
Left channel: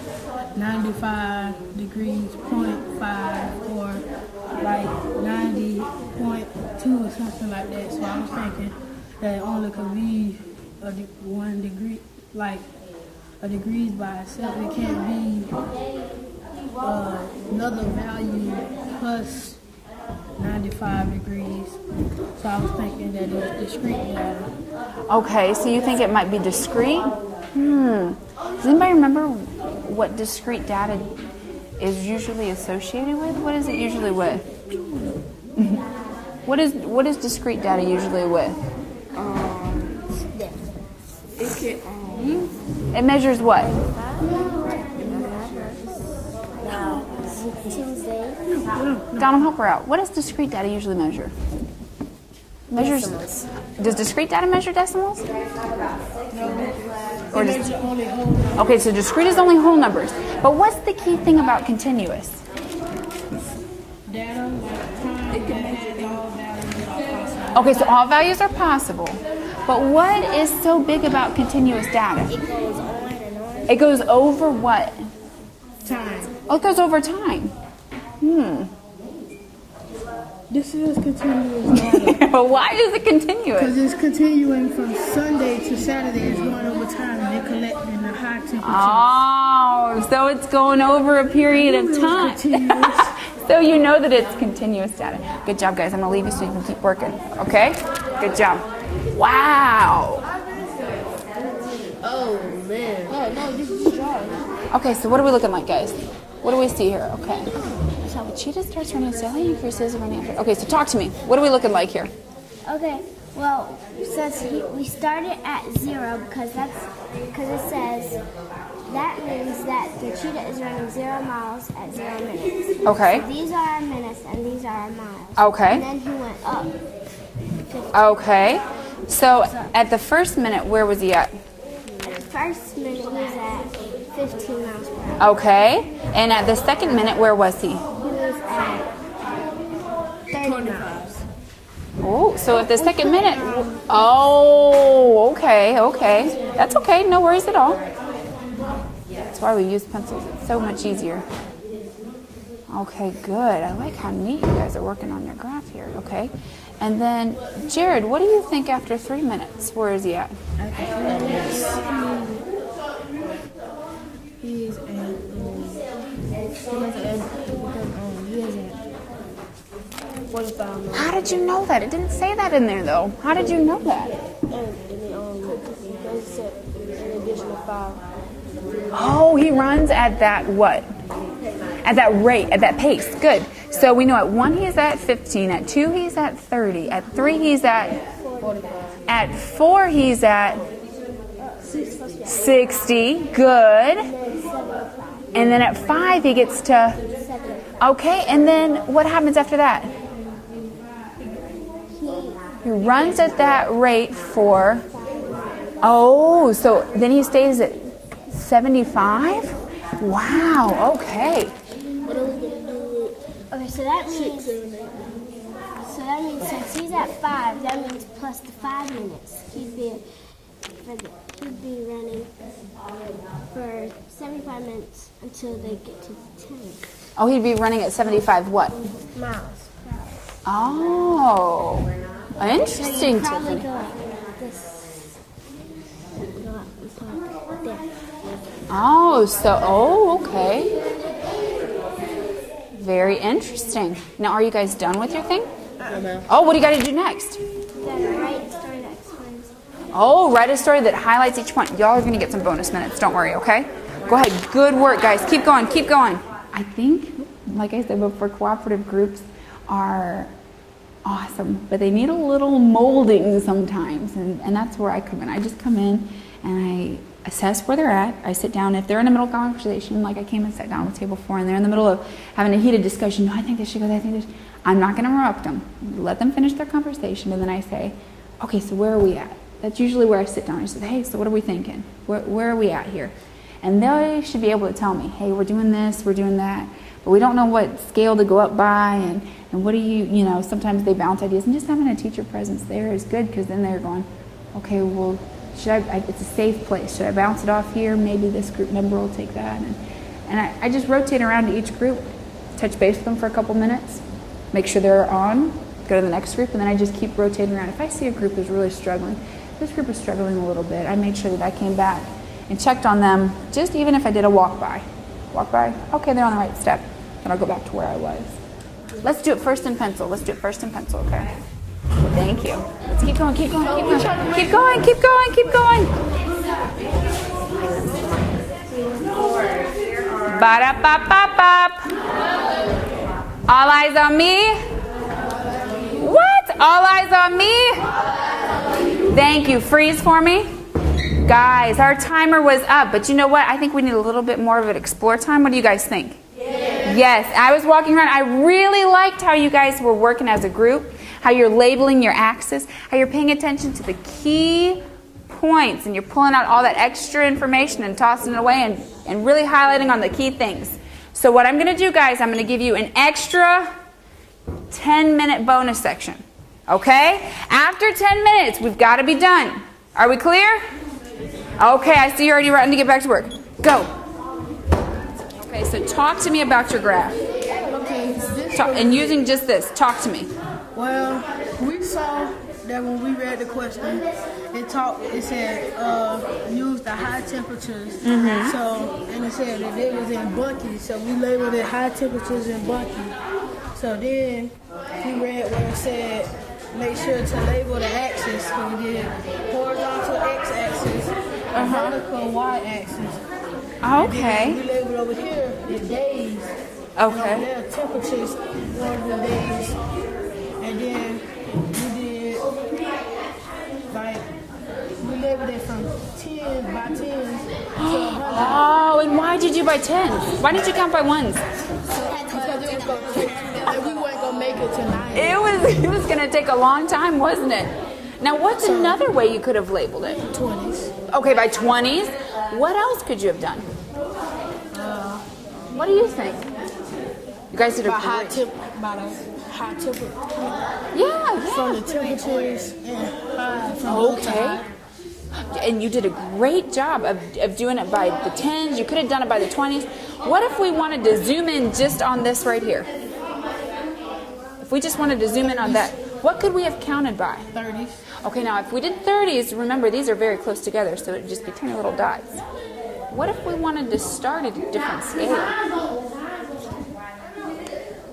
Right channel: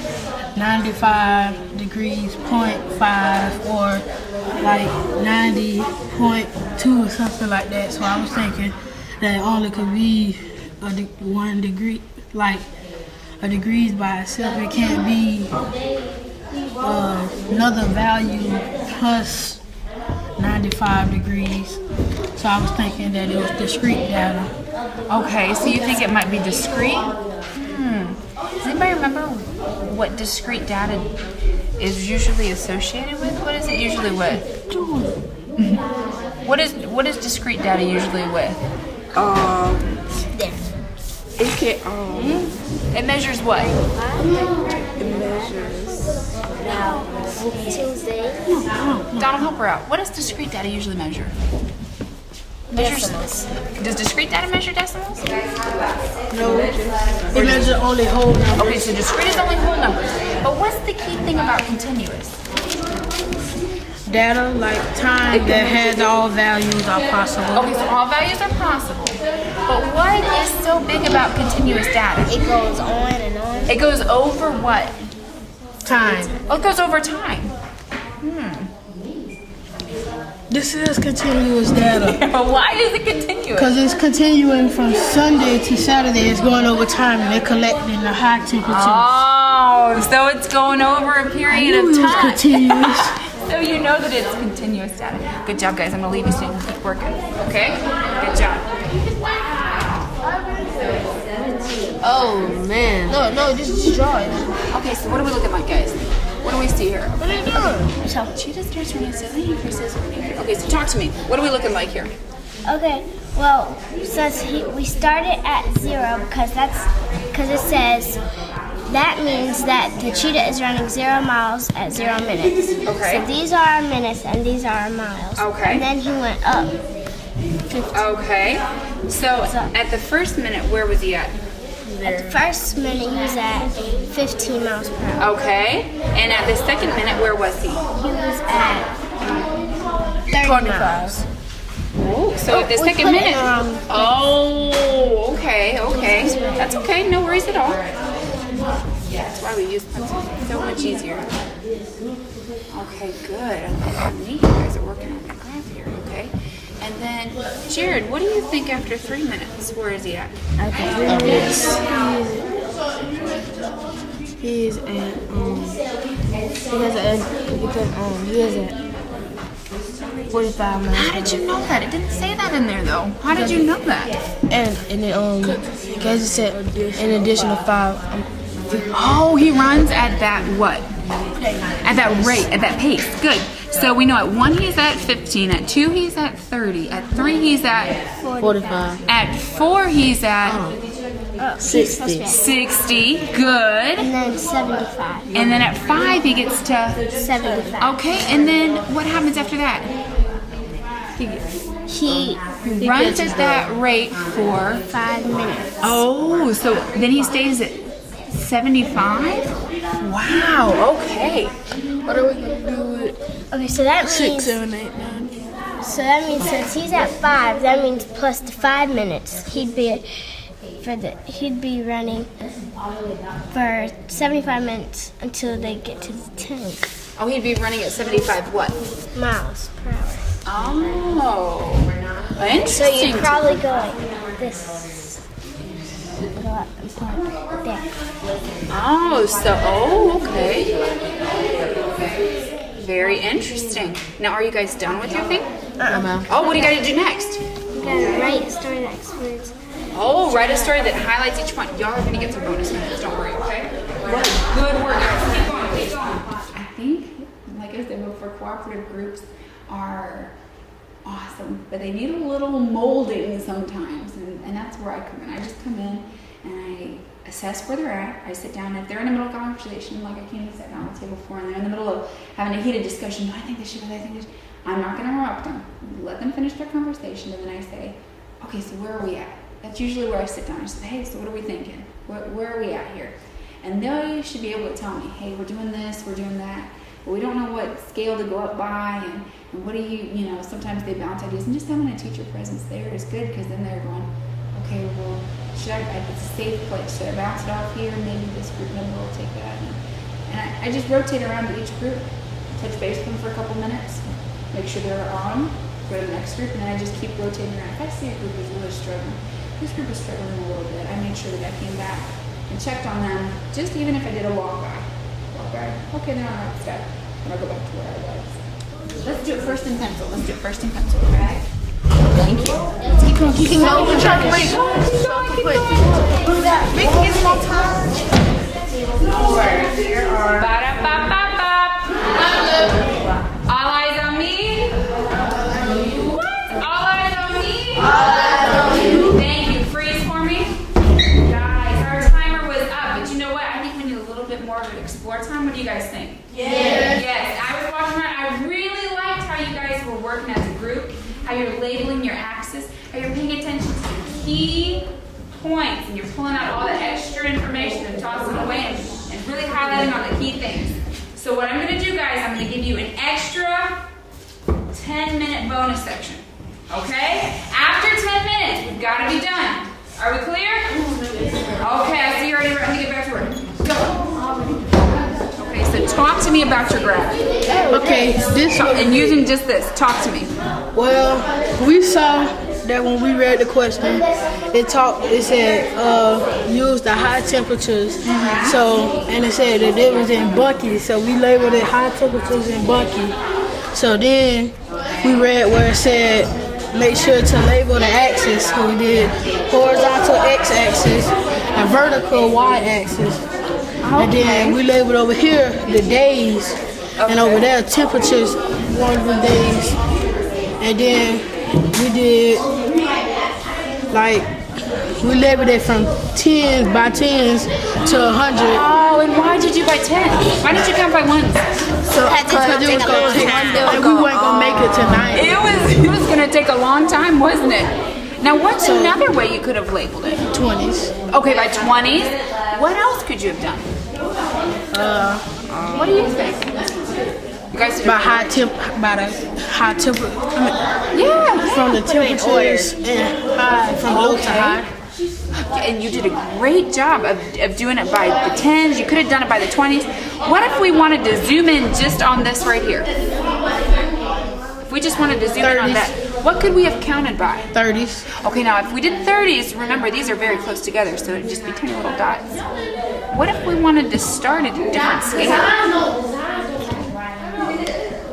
95 degrees, 0.5, or like 90.2 or something like that. So I was thinking that it only could be 1 degree, like a degrees by itself. It can't be another value plus 95 degrees. So I was thinking that it was discrete data. Okay, so you think it might be discrete? Does anybody remember what discrete data is usually associated with? What is it usually with? What is discrete data usually with? There. It can It measures what? it measures Now, Tuesday. Donald, help her out. What does discrete data usually measure? Decimals. Does discrete data measure decimals? No, it measures only whole numbers. Okay, so discrete is only whole numbers. But what's the key thing about continuous? Data like time that has all values are possible. Okay, so all values are possible. But what is so big about continuous data? It goes on and on. It goes over what? Time. Oh, it goes over time. This is continuous data But why is it continuous? because it's continuing from Sunday to Saturday. It's going over time and they're collecting the high temperatures. Oh, so it's going over a period of time. Continuous. So you know that it's continuous data. Good job, guys. I'm going to leave you so you can keep working. Okay? Good job. Wow. Oh man. No, this is drawing. Okay, so what are we looking like, guys? What do we see here? What are you doing? So cheetah starts running slowly, increases running. Okay, so talk to me. What are we looking like here? Okay, well, since we started at 0 because it says that means that the cheetah is running 0 miles at 0 minutes. Okay. So these are our minutes and these are our miles. Okay. And then he went up. 15. Okay. So at the first minute, where was he at? At the first minute he was at 15 miles per hour. Okay. And at the second minute, where was he? He was at 30 miles. Ooh, so at the We second put it minute. around- Oh, okay, okay. That's okay. No worries at all. That's why we use pencils. It's so much easier. Okay, good. I'm neat. You guys are working on your graph here. Okay. And then, Jared, what do you think after 3 minutes? Where is he at? He is at 45 miles. How did you know that? It didn't say that in there, though. How did you know that? And then because it said an additional 5. Oh, he runs at that what? At that rate, at that pace. Good. So we know at 1 he's at 15, at 2 he's at 30, at 3 he's at 45. at 4 he's at 60. 60. Good. And then 75. And then at 5 he gets to 75. okay. And then what happens after that? He Runs at that rate for 5 minutes. oh, so then he stays at 75. Wow. Okay. What are we going to do with Okay, so that 6, means 7, 8, 9? since he's at 5, that means plus the 5 minutes, he'd be at he'd be running for 75 minutes until they get to the 10. Oh, he'd be running at 75 what? Miles per hour. Oh, interesting. So you'd probably go like this. Go up and like there. Oh, okay. Very interesting. Now, are you guys done with your thing? Oh, what do you got to do next? You gotta write a story that explains. Oh, write a story that highlights each point. Y'all are going to get some bonus minutes. Don't worry, okay? Go ahead. Good work, guys. Keep going. Keep going. I think, like I said before, cooperative groups are awesome, but they need a little molding sometimes, and that's where I come in. I just come in and I assess where they're at. I sit down. If they're in the middle of conversation, like I came and sat down at the table before, and they're in the middle of having a heated discussion, no, I think this should go there, I think this. I'm not going to interrupt them. Let them finish their conversation, and then I say, okay, so where are we at? That's usually where I sit down. I say, hey, so what are we thinking? Where are we at here? And they should be able to tell me, hey, we're doing this, we're doing that, but we don't know what scale to go up by, and what do you know, sometimes they bounce ideas, and just having a teacher presence there is good, because then they're going, okay, well, should it's a safe place. Should I bounce it off here? Maybe this group member will take that. And I just rotate around to each group, touch base with them for a couple minutes, make sure they're on, go to the next group, and then I just keep rotating around. If I see a group who's really struggling, this group is struggling a little bit, I made sure that I came back and checked on them, just even if I did a walk by, okay, they're on the right step, then I'll go back to where I was. Let's do it first in pencil. Okay? Thank you. Let's keep going, keep going. Keep going. Ba-da-ba-ba-bop. All eyes on me. What? All eyes on me? Thank you. Freeze for me. Guys, our timer was up, but you know what? I think we need a little bit more of an explore time. What do you guys think? Yes, I was walking around. I really liked how you guys were working as a group, how you're labeling your axis, how you're paying attention to the key points, and you're pulling out all that extra information and tossing it away and really highlighting on the key things. So what I'm going to do, guys, I'm going to give you an extra 10-minute bonus section. Okay? After 10 minutes, we've got to be done. Are we clear? Okay, I see you're already ready to get back to work. Go. Okay, so talk to me about your graph. Okay, And using just this, talk to me. Well, we saw that when we read the question, it said use the high temperatures. So, and it said that it was in Bucky, so we labeled it high temperatures in Bucky. So then we read where it said make sure to label the axis. So we did horizontal x-axis and vertical y-axis. And then we labeled over here the days, and over there temperatures, one of the days. And then we did, like, we labeled it from 10s by 10s to 100. Oh, and why did you do by 10? Why did you count by ones? So, because it was going to take, and we weren't going to make it to 9. It was going to take a long time, wasn't it? Now, what's another way you could have labeled it? 20s. Okay, by 20s. What else could you have done? What do you think? You guys did by the high temperature. Yeah. From the temperatures and high, from low to high. And you did a great job of doing it by the 10s. You could have done it by the 20s. What if we wanted to zoom in just on this right here? If we just wanted to zoom in on that, what could we have counted by? 30s. Okay, now if we did 30s, remember these are very close together, so it'd just be tiny little dots. What if we wanted to start at a different scale?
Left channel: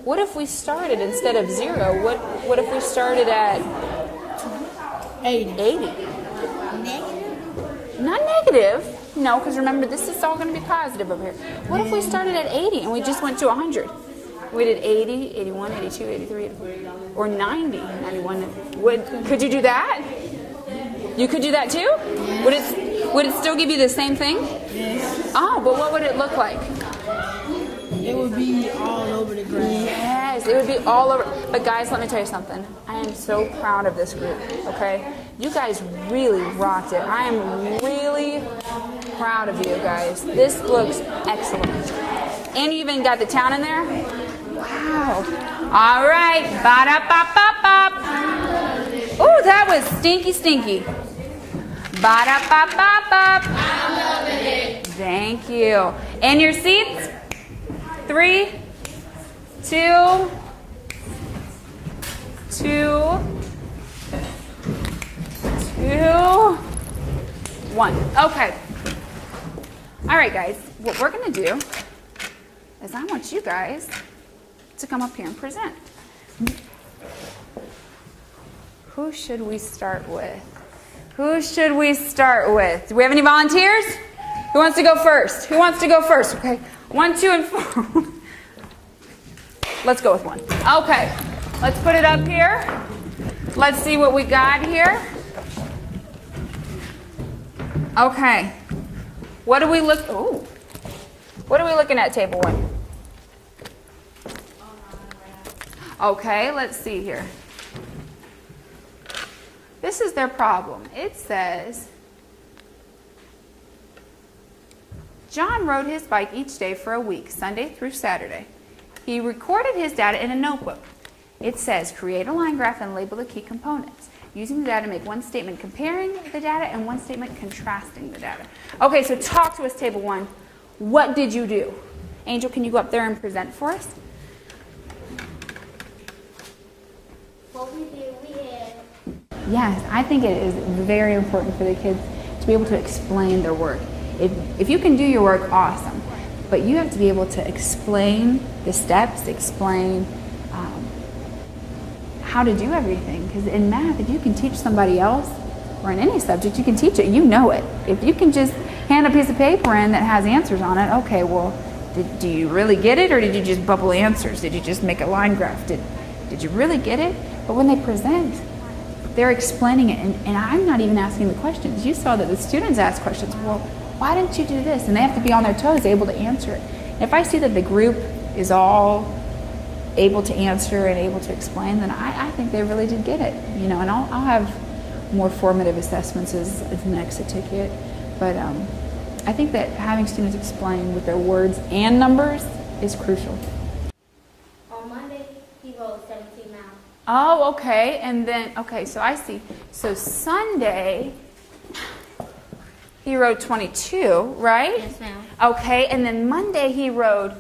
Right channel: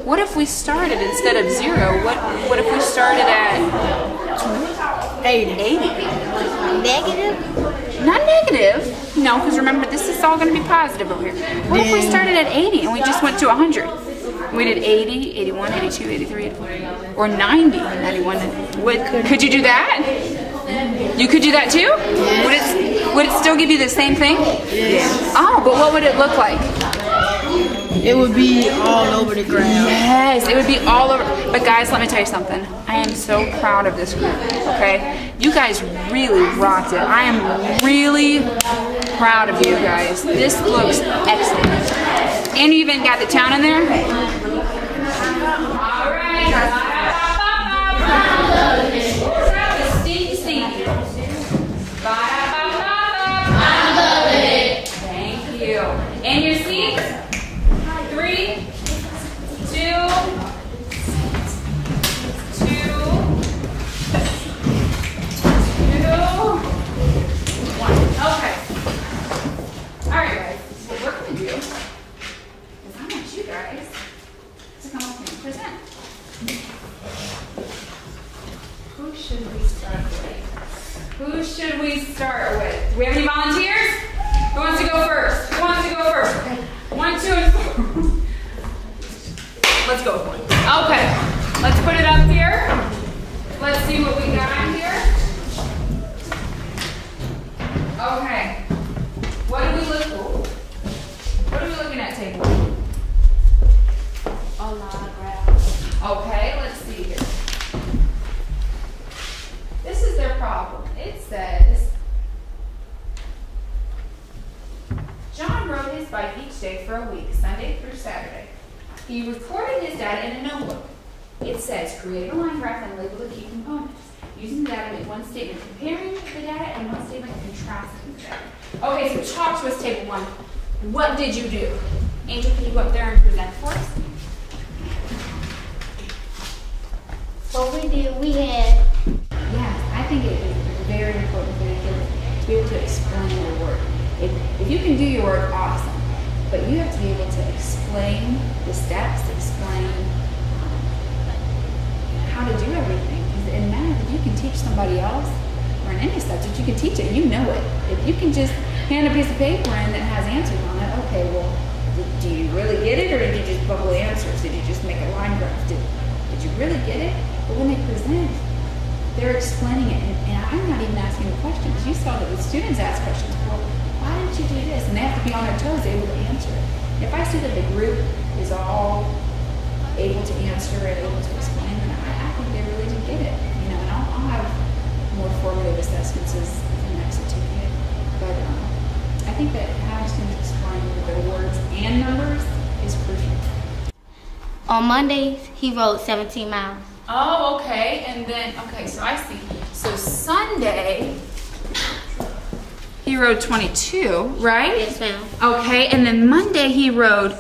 What if we started instead of 0? What if we started at 80? Negative? Not negative. No, because remember this is all going to be positive over here. What if we started at 80 and we just went to 100? We did 80, 81, 82, 83, 84, or 90, 91. Could you do that? You could do that too? Yes. Would it still give you the same thing? Yes. Oh, but what would it look like? It would be all over the ground. Yes, it would be all over. But guys, let me tell you something. I am so proud of this group, okay? You guys really rocked it. I am really proud of you guys. This looks excellent. And you even got the town in there? All right. Ba-da-ba-ba-ba. Ooh, that was stinky, stinky. Ba-da-ba-ba-ba. I'm loving it. Thank you. And your seats? 3, 2, 1. Okay. All right, guys. What we're going to do is I want you guys to come up here and present. Who should we start with? Who should we start with? Do we have any volunteers? Who wants to go first? Who wants to go first? Okay. 1, 2, and 4. Let's go with 1. Okay. Let's put it up here. Let's see what we got here. Okay. What are we looking? Oh. What are we looking at, table 1? A line graph. Okay, let's see here. This is their problem. It says, John rode his bike each day for a week, Sunday through Saturday. He recorded his data in a notebook. It says, create a line graph and label the key components. Using the data, make one statement comparing the data and one statement contrasting the data. Okay, so talk to us, table 1. What did you do? Angel, can you go up there and present for us? What we did, we had. Yes, I think it is very important for the kids to be able to explain their work. If you can do your work, awesome. But you have to be able to explain the steps, explain how to do everything. Because in math, if you can teach somebody else, or in any subject, you can teach it, you know it. If you can just hand a piece of paper in that has answers on it, okay, well, do you really get it, or did you just bubble answers? Did you just make a line graph? Did you really get it? But when they present, they're explaining it, and I'm not even asking the questions. You saw that the students ask questions. Well, why didn't you do this? And they have to be on their toes, able to answer it. If I see that the group is all able to answer and able to explain, then I think they really did get it. You know, and I'll have more formative assessments as the next certificate. But I think that having students explain with their words and numbers is crucial. On Mondays, he rode 17 miles. Oh, okay. And then, okay, so I see. So Sunday, he rode 22, right? Yes, ma'am. Okay, and then Monday he rode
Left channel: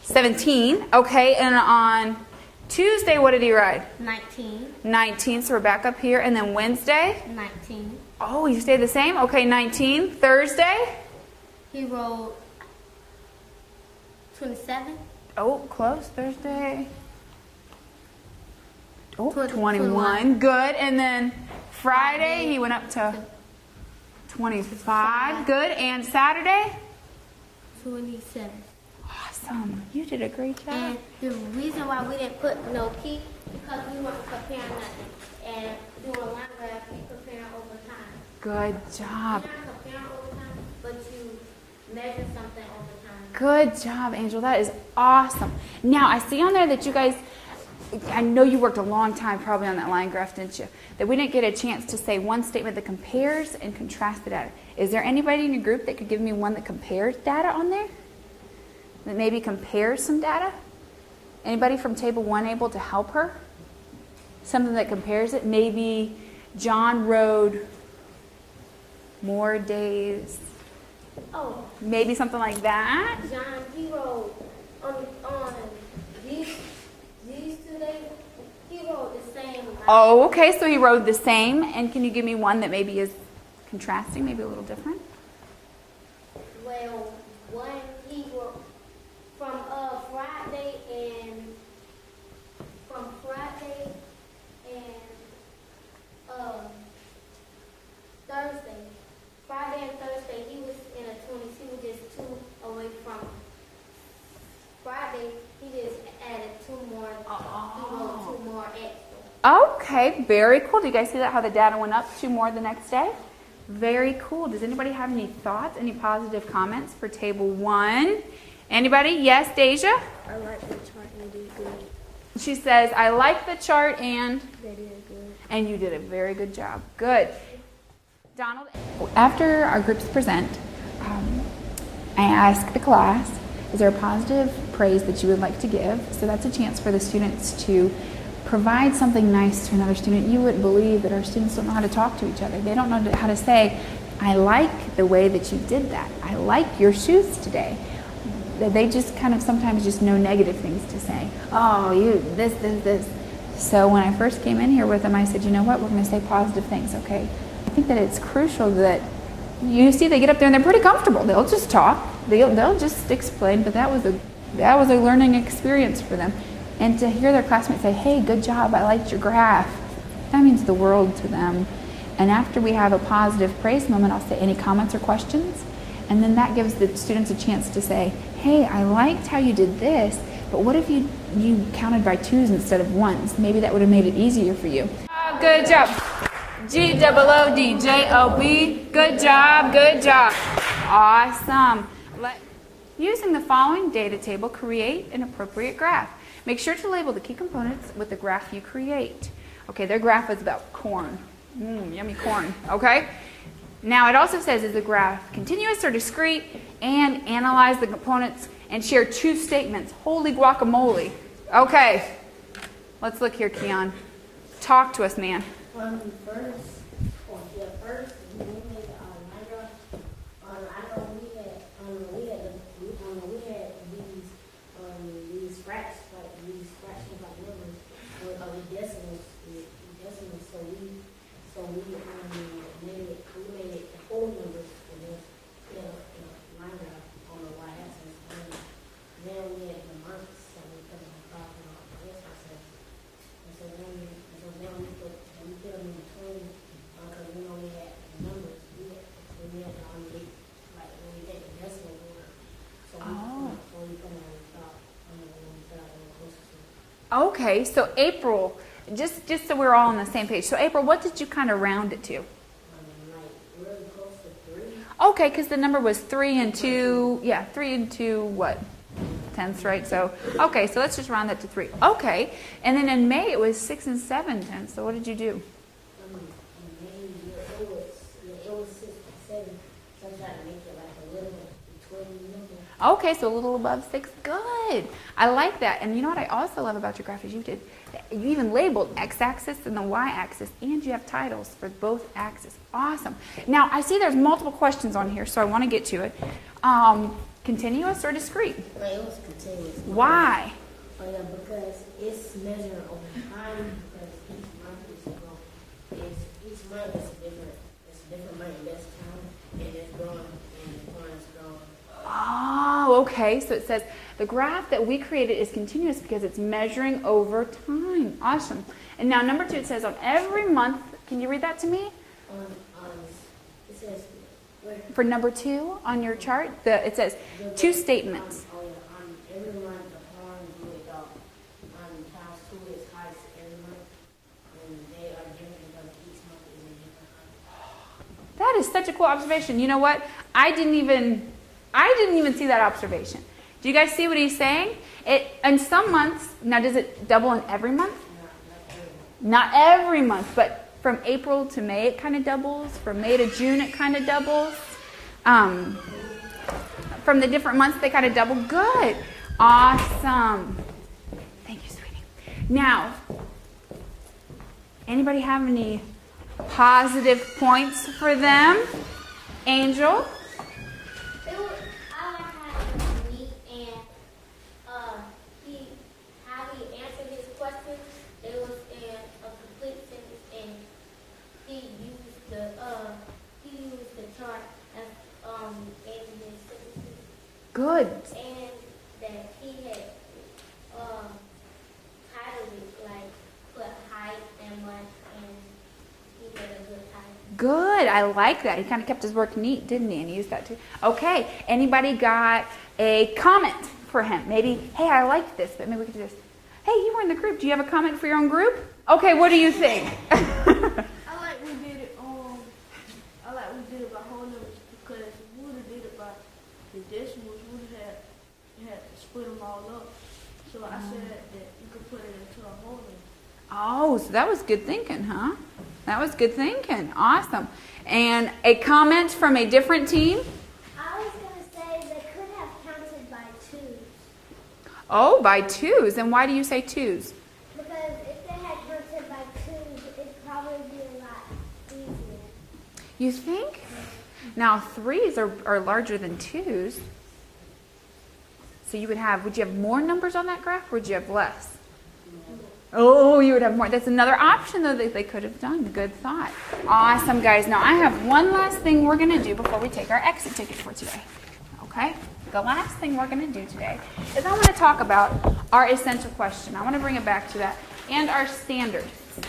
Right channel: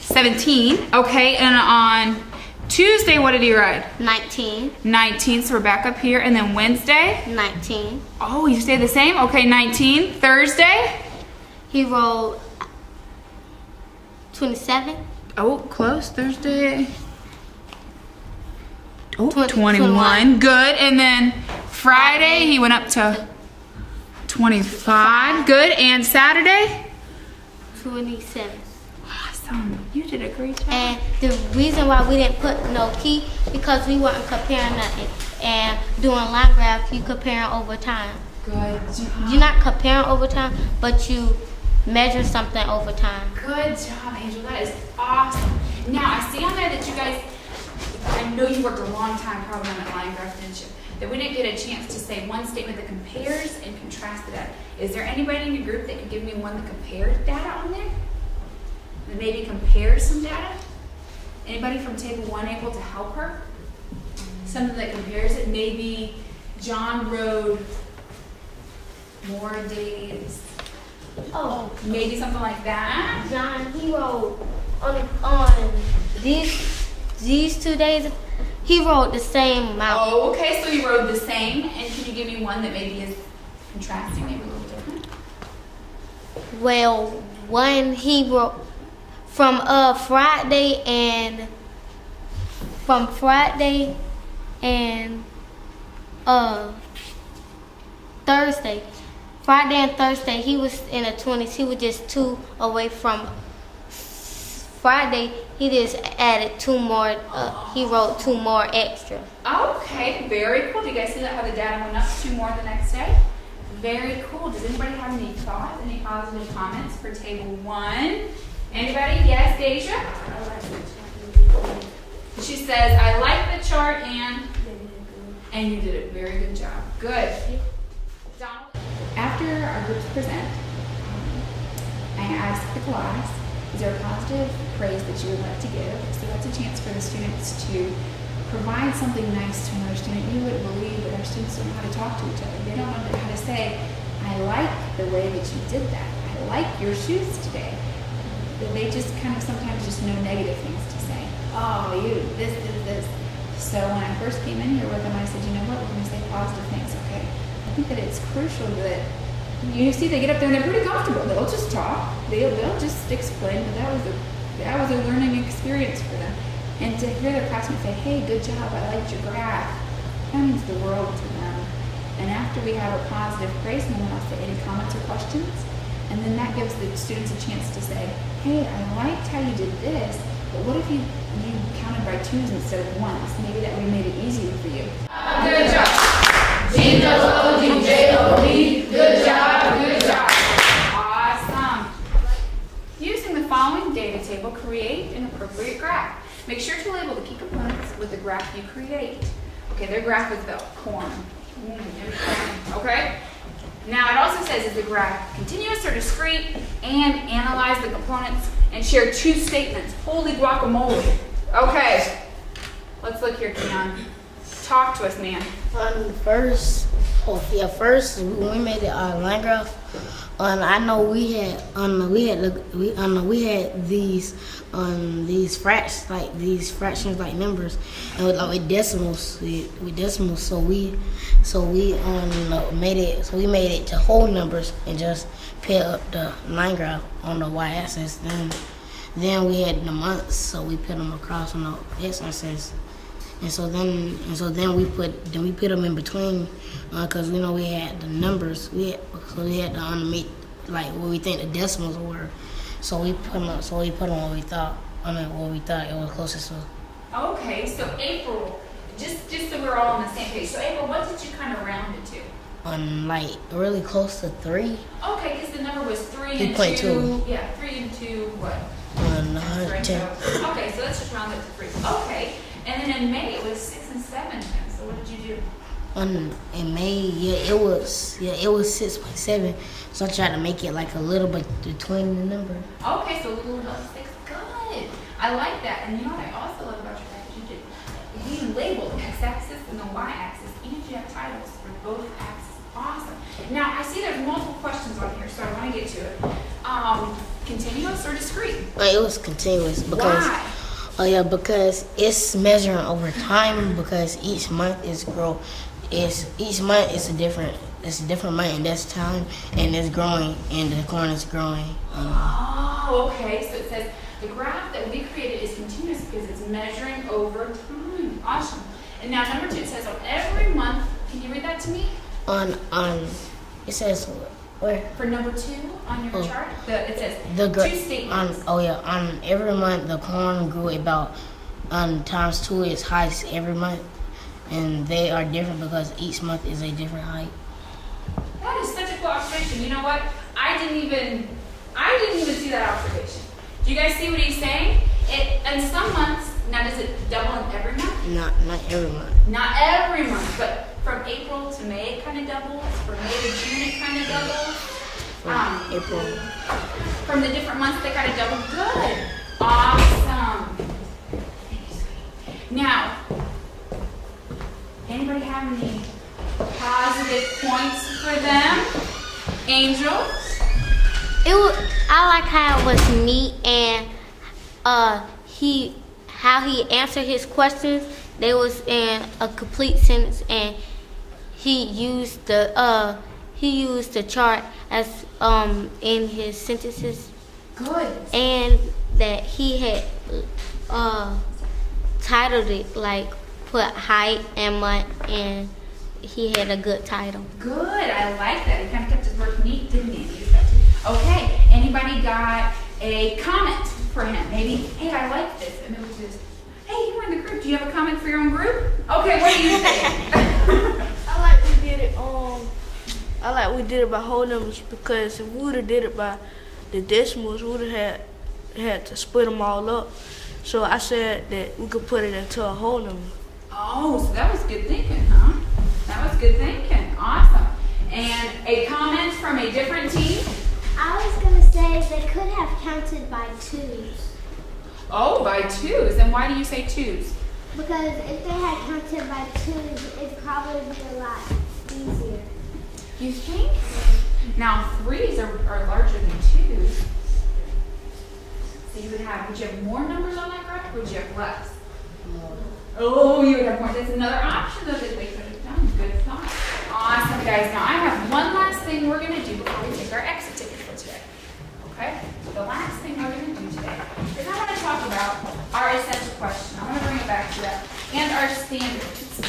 17. Okay, and on Tuesday, what did he ride? 19. 19, so we're back up here. And then Wednesday? 19. Oh, you stayed the same? Okay, 19. Thursday? He rode 27. Oh, close. Thursday. Oh, 21. 21. Good. And then Friday, he went up to 25. Good. And Saturday? 27. Awesome. You did a great job. And the reason why we didn't put no key, because we weren't comparing nothing. And doing line graph, you comparing over time. Good job. You're not comparing over time, but you measure something over time. Good job, Angel. That is awesome. Now, I see on there that you guys, I know you worked a long time probably on that line graph, didn't you? That we didn't get a chance to say one statement that compares and contrasts the data. Is there anybody in your group that could give me one that compares data on there? That maybe compares some data? Anybody from table 1 able to help her? Something that compares it? Maybe John rode more days. Oh, Maybe something like that. John, he rode on these 2 days. He rode the same amount. Oh, okay, so he rode the same. And can you give me one that maybe is contrasting, maybe a little different? Well, one he rode from Friday and Thursday. Friday and Thursday, he was in the 20s. He was just 2 away from Friday. He just added 2 more. He wrote 2 more extra. Okay, very cool. Do you guys see that, how the data went up 2 more the next day? Very cool. Does anybody have any thoughts, any positive comments for table 1? Anybody? Yes, Deja? She says, I like the chart and you did a very good job. Good. Donald? After our groups present, I ask the class, is there a positive praise that you would like to give? So that's a chance for the students to provide something nice to another student, you would believe that our students don't know how to talk to each other. They don't know how to say, I like the way that you did that. I like your shoes today. They just kind of sometimes just know negative things to say. Oh, you, this. So when I first came in here with them, I said, you know what, we're going to say positive things, okay? I think that it's crucial that you see they get up there and they're pretty comfortable. They'll just talk. They'll just explain, but that was a learning experience for them. And to hear their classmates say, hey, good job, I liked your graph, that means the world to them. And after we have a positive praise moment, I'll say, any comments or questions? And then that gives the students a chance to say, hey, I liked how you did this, but what if you counted by twos instead of ones? Maybe that would have made it easier for you. Good job. G-O-O-D-J-O-B. Good job, good job. Awesome. Using the following data table, create an appropriate graph. Make sure to label the key components with the graph you create. Okay, their graph is about corn. Yummy corn, okay? Now it also says, is the graph continuous or discrete? And analyze the components and share two statements. Holy guacamole. Okay, let's look here, Keon. Talk to us, man. First when we made the line graph, I know we had these fractions like numbers, and with decimals. So we made it to whole numbers and just put up the line graph on the y-axis. Then we had the months, so we put them across on the x-axis. And so then we put them in between, because we know we had the numbers. We had to underneath like what we think the decimals were. So we put them what we thought it was closest to. Okay, so April, just so we're all on the same page. So April, what did you kind of round it to? Like really close to 3. Okay, because the number was 3 and 2. 2. Yeah, 3 and 2. What? That's right. So okay, so let's just round it to 3. Okay, and then in May it was 6 and 7. And so what did you do? In May, it was 6.7. So I tried to make it like a little bit between the number. Okay, so a little above 6. Good. I like that. And you know what I also love about your graph is you even labeled x-axis and the y-axis, and you have titles for both axes. Awesome. Now I see there's multiple questions on here, so I want to get to it. Continuous or discrete? It was continuous. Why? Oh yeah, because it's measuring over time. Because each month is each month is a different month, and that's time, and it's growing, and the corn is growing. Oh, okay. So it says the graph that we created is continuous because it's measuring over time. Awesome. And now number 2, it says on every month. Can you read that to me? It says where? For number 2 on your chart, it says two statements. On every month the corn grew about times 2 is heights every month, and they are different because each month is a different height. That is such a cool observation. You know what? I didn't even see that observation. Do you guys see what he's saying? In some months, now does it double in every month? Not every month. Not every month, but from April to May it kind of doubles. From May to June it kind of doubles. April. From the different months they kind of double. Good. Awesome. Thank you, sweetie. Now, anybody have any positive points for them? Angel? I like how it was neat, and how he answered his questions. They was in a complete sentence, and he used the chart as in his sentences. Good. And that he had titled it, like put height and month, and he had a good title. Good. I like that. He kind of kept his work neat, didn't he? And used that too. Okay. Anybody got a comment for him? Maybe, hey, I like this. And maybe just, hey, you were in the group. Do you have a comment for your own group? Okay. What do you think? I like we did it by whole numbers, because if we would have did it by the decimals, we would have had to split them all up. So I said that we could put it into a whole number. Oh, so that was good thinking, huh? That was good thinking. Awesome. And a comment from a different team? I was going to say they could have counted by 2s. Oh, by 2s. And why do you say 2s? Because if they had counted by twos, it'd probably be a lot easier. You think? Now, threes are larger than twos. So would you have more numbers on that graph, or would you have less? Oh, you would have more. That's another option, though, that they could have done. Good thought. Awesome, guys. Now, I have one last thing we're going to do before we take our exit ticket for today. Okay? The last thing we're going to do today is I want to talk about our essential question. I want to bring it back to that. And our standards.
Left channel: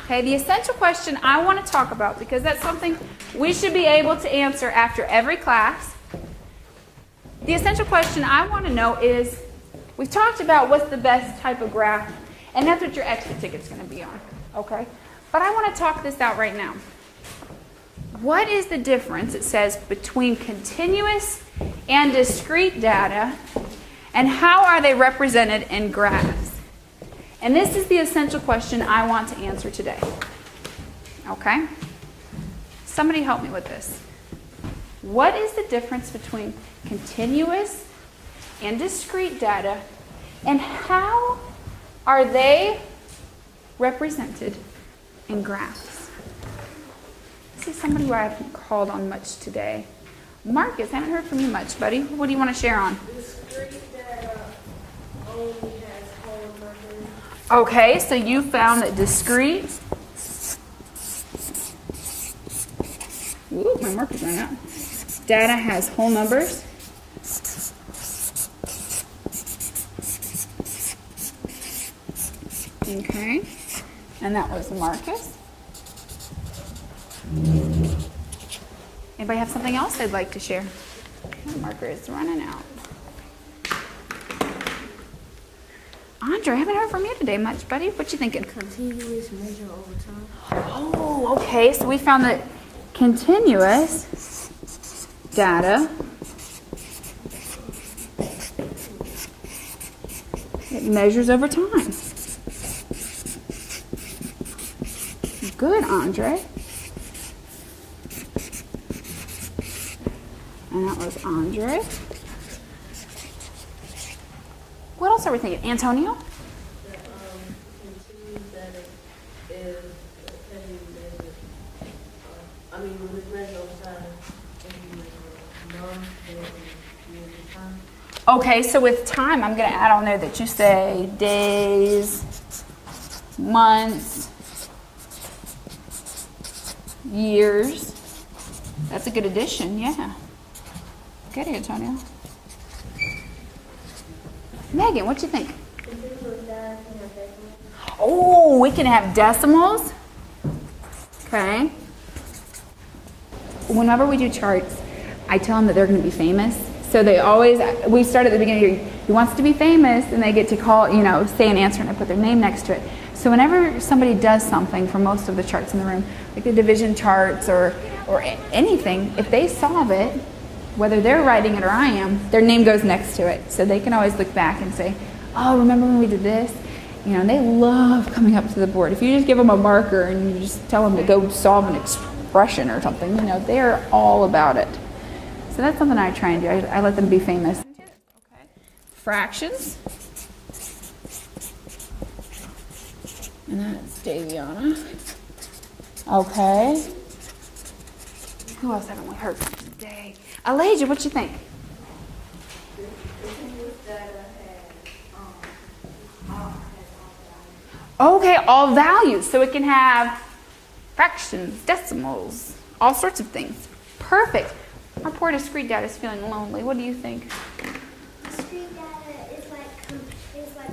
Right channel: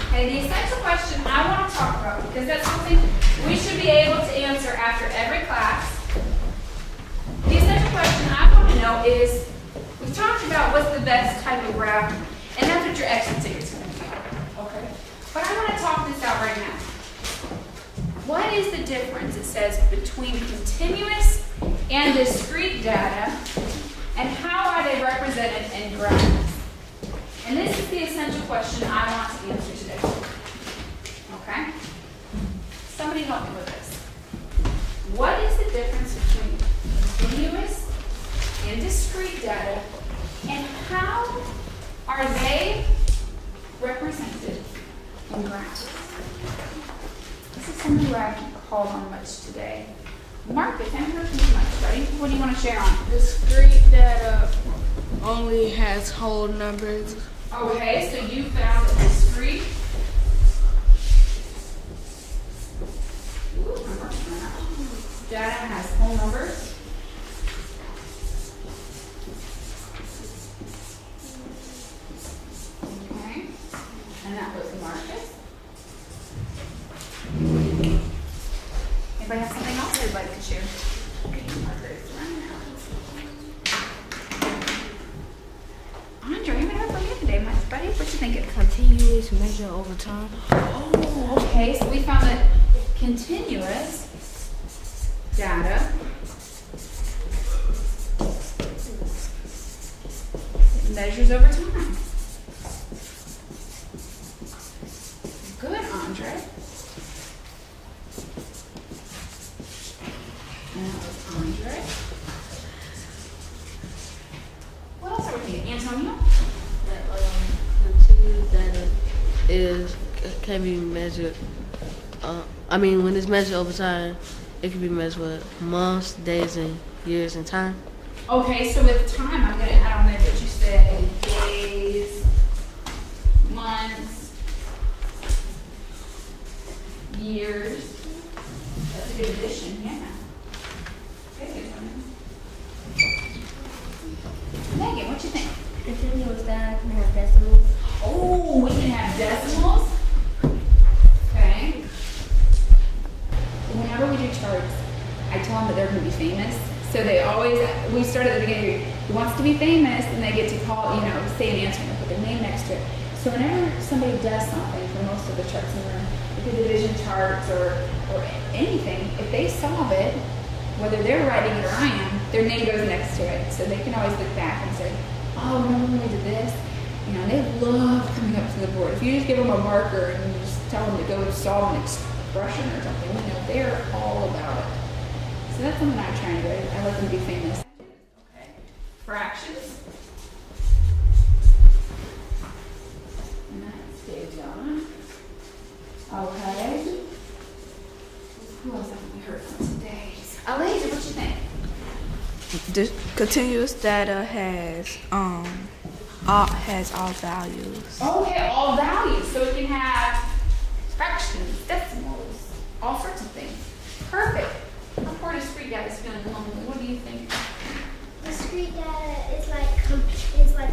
Okay, the essential question I want to talk about, because that's something we should be able to answer after every class. The essential question I want to know is, we've talked about what's the best type of graph, and that's what your exit ticket's going to be on. Okay? But I want to talk this out right now. What is the difference, it says, between continuous and discrete data, and how are they represented in graphs? And this is the essential question I want to answer today. Okay? Somebody help me with this. What is the difference between continuous and discrete data, and how are they represented in graphs? This is somebody who I haven't called on much today. Marcus, I haven't heard from you much, buddy. What do you want to share on? Discrete data only has whole numbers. Okay, so you found that discrete. Ooh, my marker's running out. Data has whole numbers. Okay, and that was Marcus. Anybody have something else they'd like to share? Okay, marker is running out. Andre, I haven't heard from you today much, buddy. What you thinking? Continuous measure over time. Oh, okay. So we found that continuous data, it measures over time. Good, Andre. And that was Andre. What else are we thinking? Antonio? Continuous data can be measured. When it's measured over time, it can be measured with months, days, and years, and time. Okay, so with time, I'm going to add on there that you say days, months, years. That's a good addition, yeah. Good, Antonio. Megan, what you think? Continuous data can have decimals. Oh, we can have decimals. Okay. Whenever we do charts, I tell them that they're going to be famous. So they always, we start at the beginning, who wants to be famous, and they get to call, say an answer and I put their name next to it. So whenever somebody does something, for most of the charts in the room, like the division charts or anything, if they solve it, whether they're writing it or I am, their name goes next to it. So they can always look back and say, oh, remember when we did this? And they love coming up to the board. If you just give them a marker and you just tell them to go solve an expression or something, they're all about it. So that's something I try and do. I let them be famous. Fractions. And that's Daviana. Okay. Who else haven't we heard from today? Elijah, what you think? The continuous data has all values. Okay, all values. So it can have fractions, decimals, all sorts of things. Perfect. Our poor discrete data is feeling lonely. What do you think? Discrete data is like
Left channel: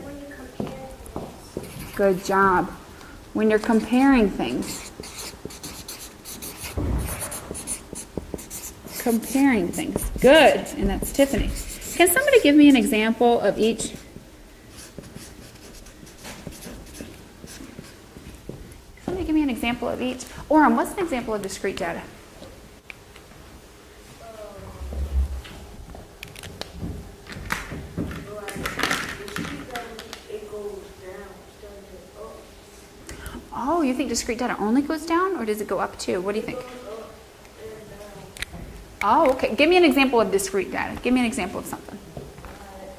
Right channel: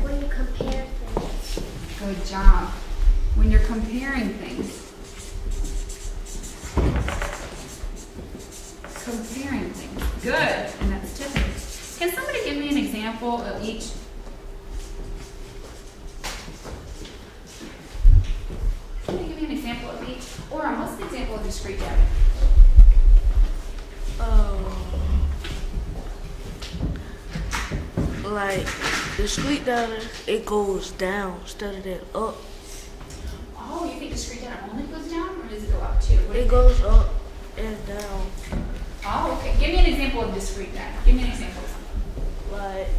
when you compare things. Good job. When you're comparing things. Comparing things. Good. And that's Tiffany. Can somebody give me an example of each? Somebody give me an example of each. Orem, what's an example of discrete data? Like discrete data, it goes down instead of that up. Oh, you think discrete data only goes down, or does it go up too? What do you It think? goes up and down. Oh, okay. Give me an example of discrete data. Give me an example of something. Like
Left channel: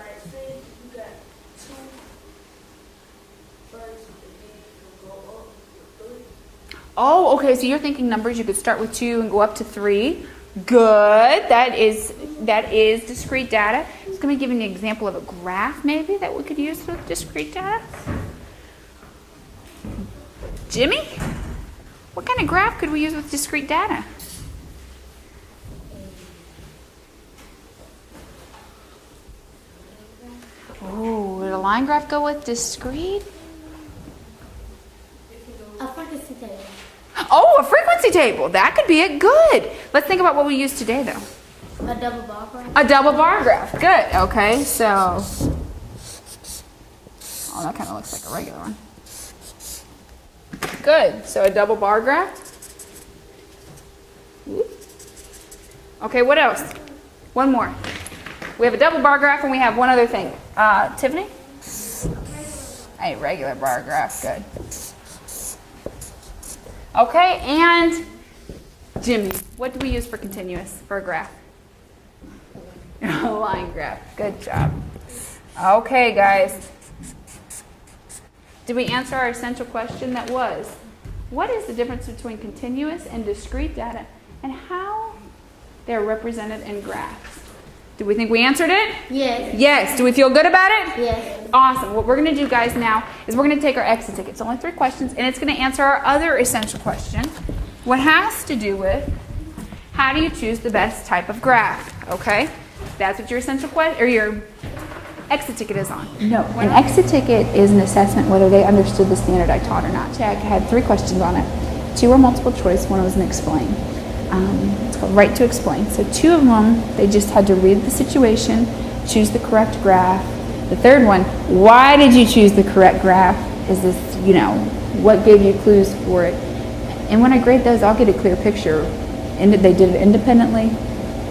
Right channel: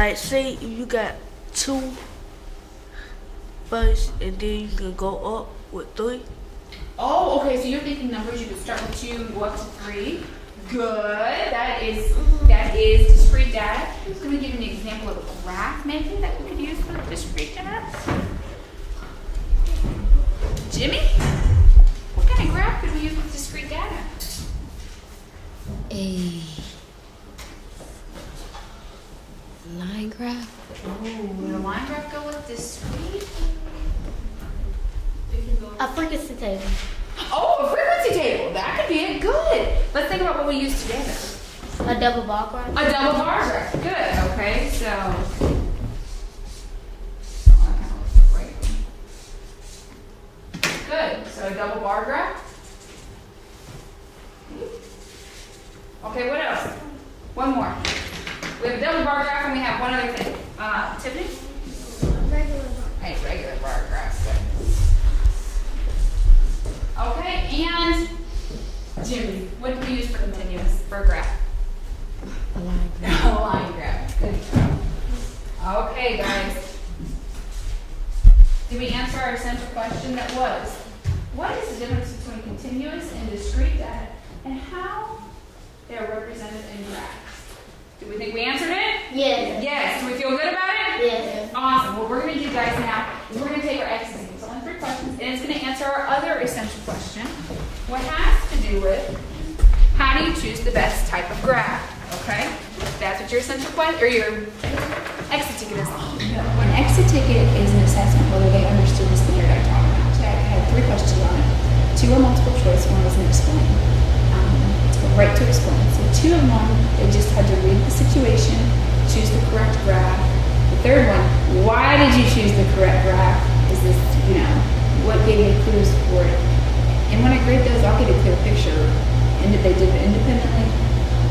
like say you got 2 first, and then you can go up with 3. Oh, okay, so you're thinking numbers, you could start with 2 and go up to 3. Good, that is discrete data. I'm just going to give you an example of a graph maybe that we could use with discrete data. Jimmy, what kind of graph could we use with discrete data? A line graph. Oh, would a line graph go with discrete? A frequency table. Oh, a frequency table. That could be it. Good. Let's think about what we use today, though. A double bar graph. A double bar graph. Good. Okay, so. Oh, that kind of looks like a regular one. Good. So a double bar graph. Okay, what else? One more. We have a double bar graph and we have one other thing. Tiffany? A regular bar graph. Good. Okay, and Jimmy, what do we use for continuous or graph? A line graph. Good job. Okay, guys. Did we answer our essential question that was, what is the difference between continuous and discrete data and how they're represented in graphs? Do we think we answered it? Yes. Yes. Do we feel good about it? Yes. Awesome. What we're going to do, guys, now is we're going to take our exit ticket. It's only 3 questions, and it's going to answer our other essential question. What has to do with how do you choose the best type of graph? Okay? That's what your essential question, or your exit ticket is on. No. An exit ticket is an assessment whether they understood the standard I taught or not. Jack had 3 questions on it. 2 were multiple choice, 1 was an explain. It's called right to explain. So 2 of them, they just had to read the situation, choose the correct graph. The 3rd one, why did you choose the correct graph? Is this, what gave you clues for it? And when I grade those, I'll get a clear picture. And they did it independently.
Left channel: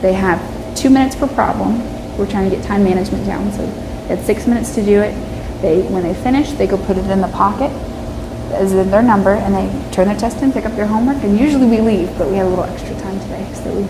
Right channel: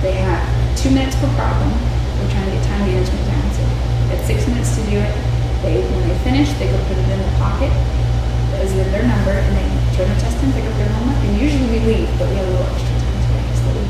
They have 2 minutes per problem. We're trying to get time management down. So they had 6 minutes to do it. When they finish, they go put it in the pocket, as in their number, and they turn their test in, pick up their homework, and usually we leave, but we had a little extra time today. So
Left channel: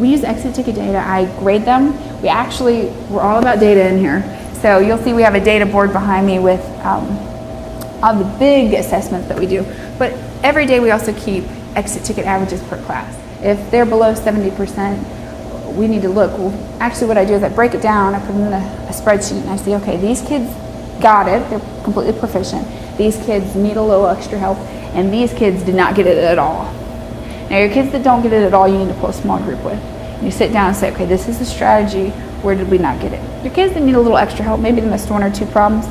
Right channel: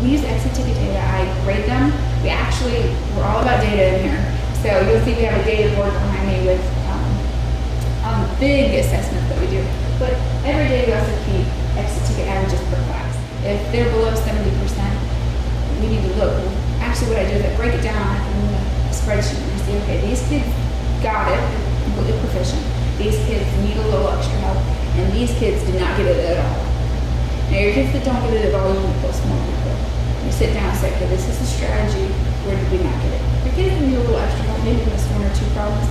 we use exit ticket data. I grade them. We're all about data in here. So you'll see we have a data board behind me with all the big assessments that we do. But every day we also keep exit ticket averages per class. If they're below 70%, we need to look. Well, actually what I do is I break it down, I put it in a spreadsheet, and I see, okay, these kids got it, they're completely proficient. These kids need a little extra help, and these kids did not get it at all. Now your kids that don't get it at all, you need to pull a small group with. You sit down and say, okay, this is the strategy, where did we not get it? Your kids that need a little extra help, maybe they missed 1 or 2 problems,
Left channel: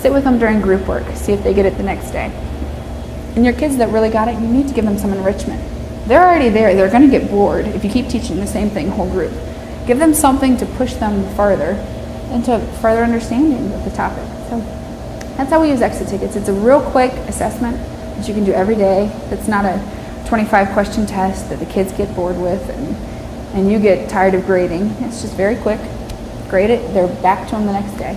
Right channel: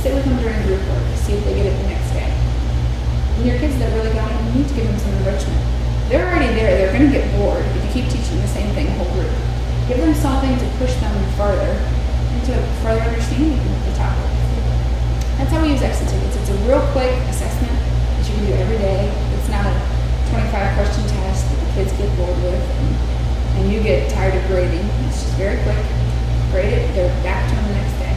sit with them during group work, see if they get it the next day. And your kids that really got it, you need to give them some enrichment. They're already there, they're gonna get bored if you keep teaching the same thing whole group. Give them something to push them further into further understanding of the topic. So that's how we use exit tickets. It's a real quick assessment that you can do every day. It's not a 25-question test that the kids get bored with and you get tired of grading. It's just very quick. Grade it, they're back to them the next day.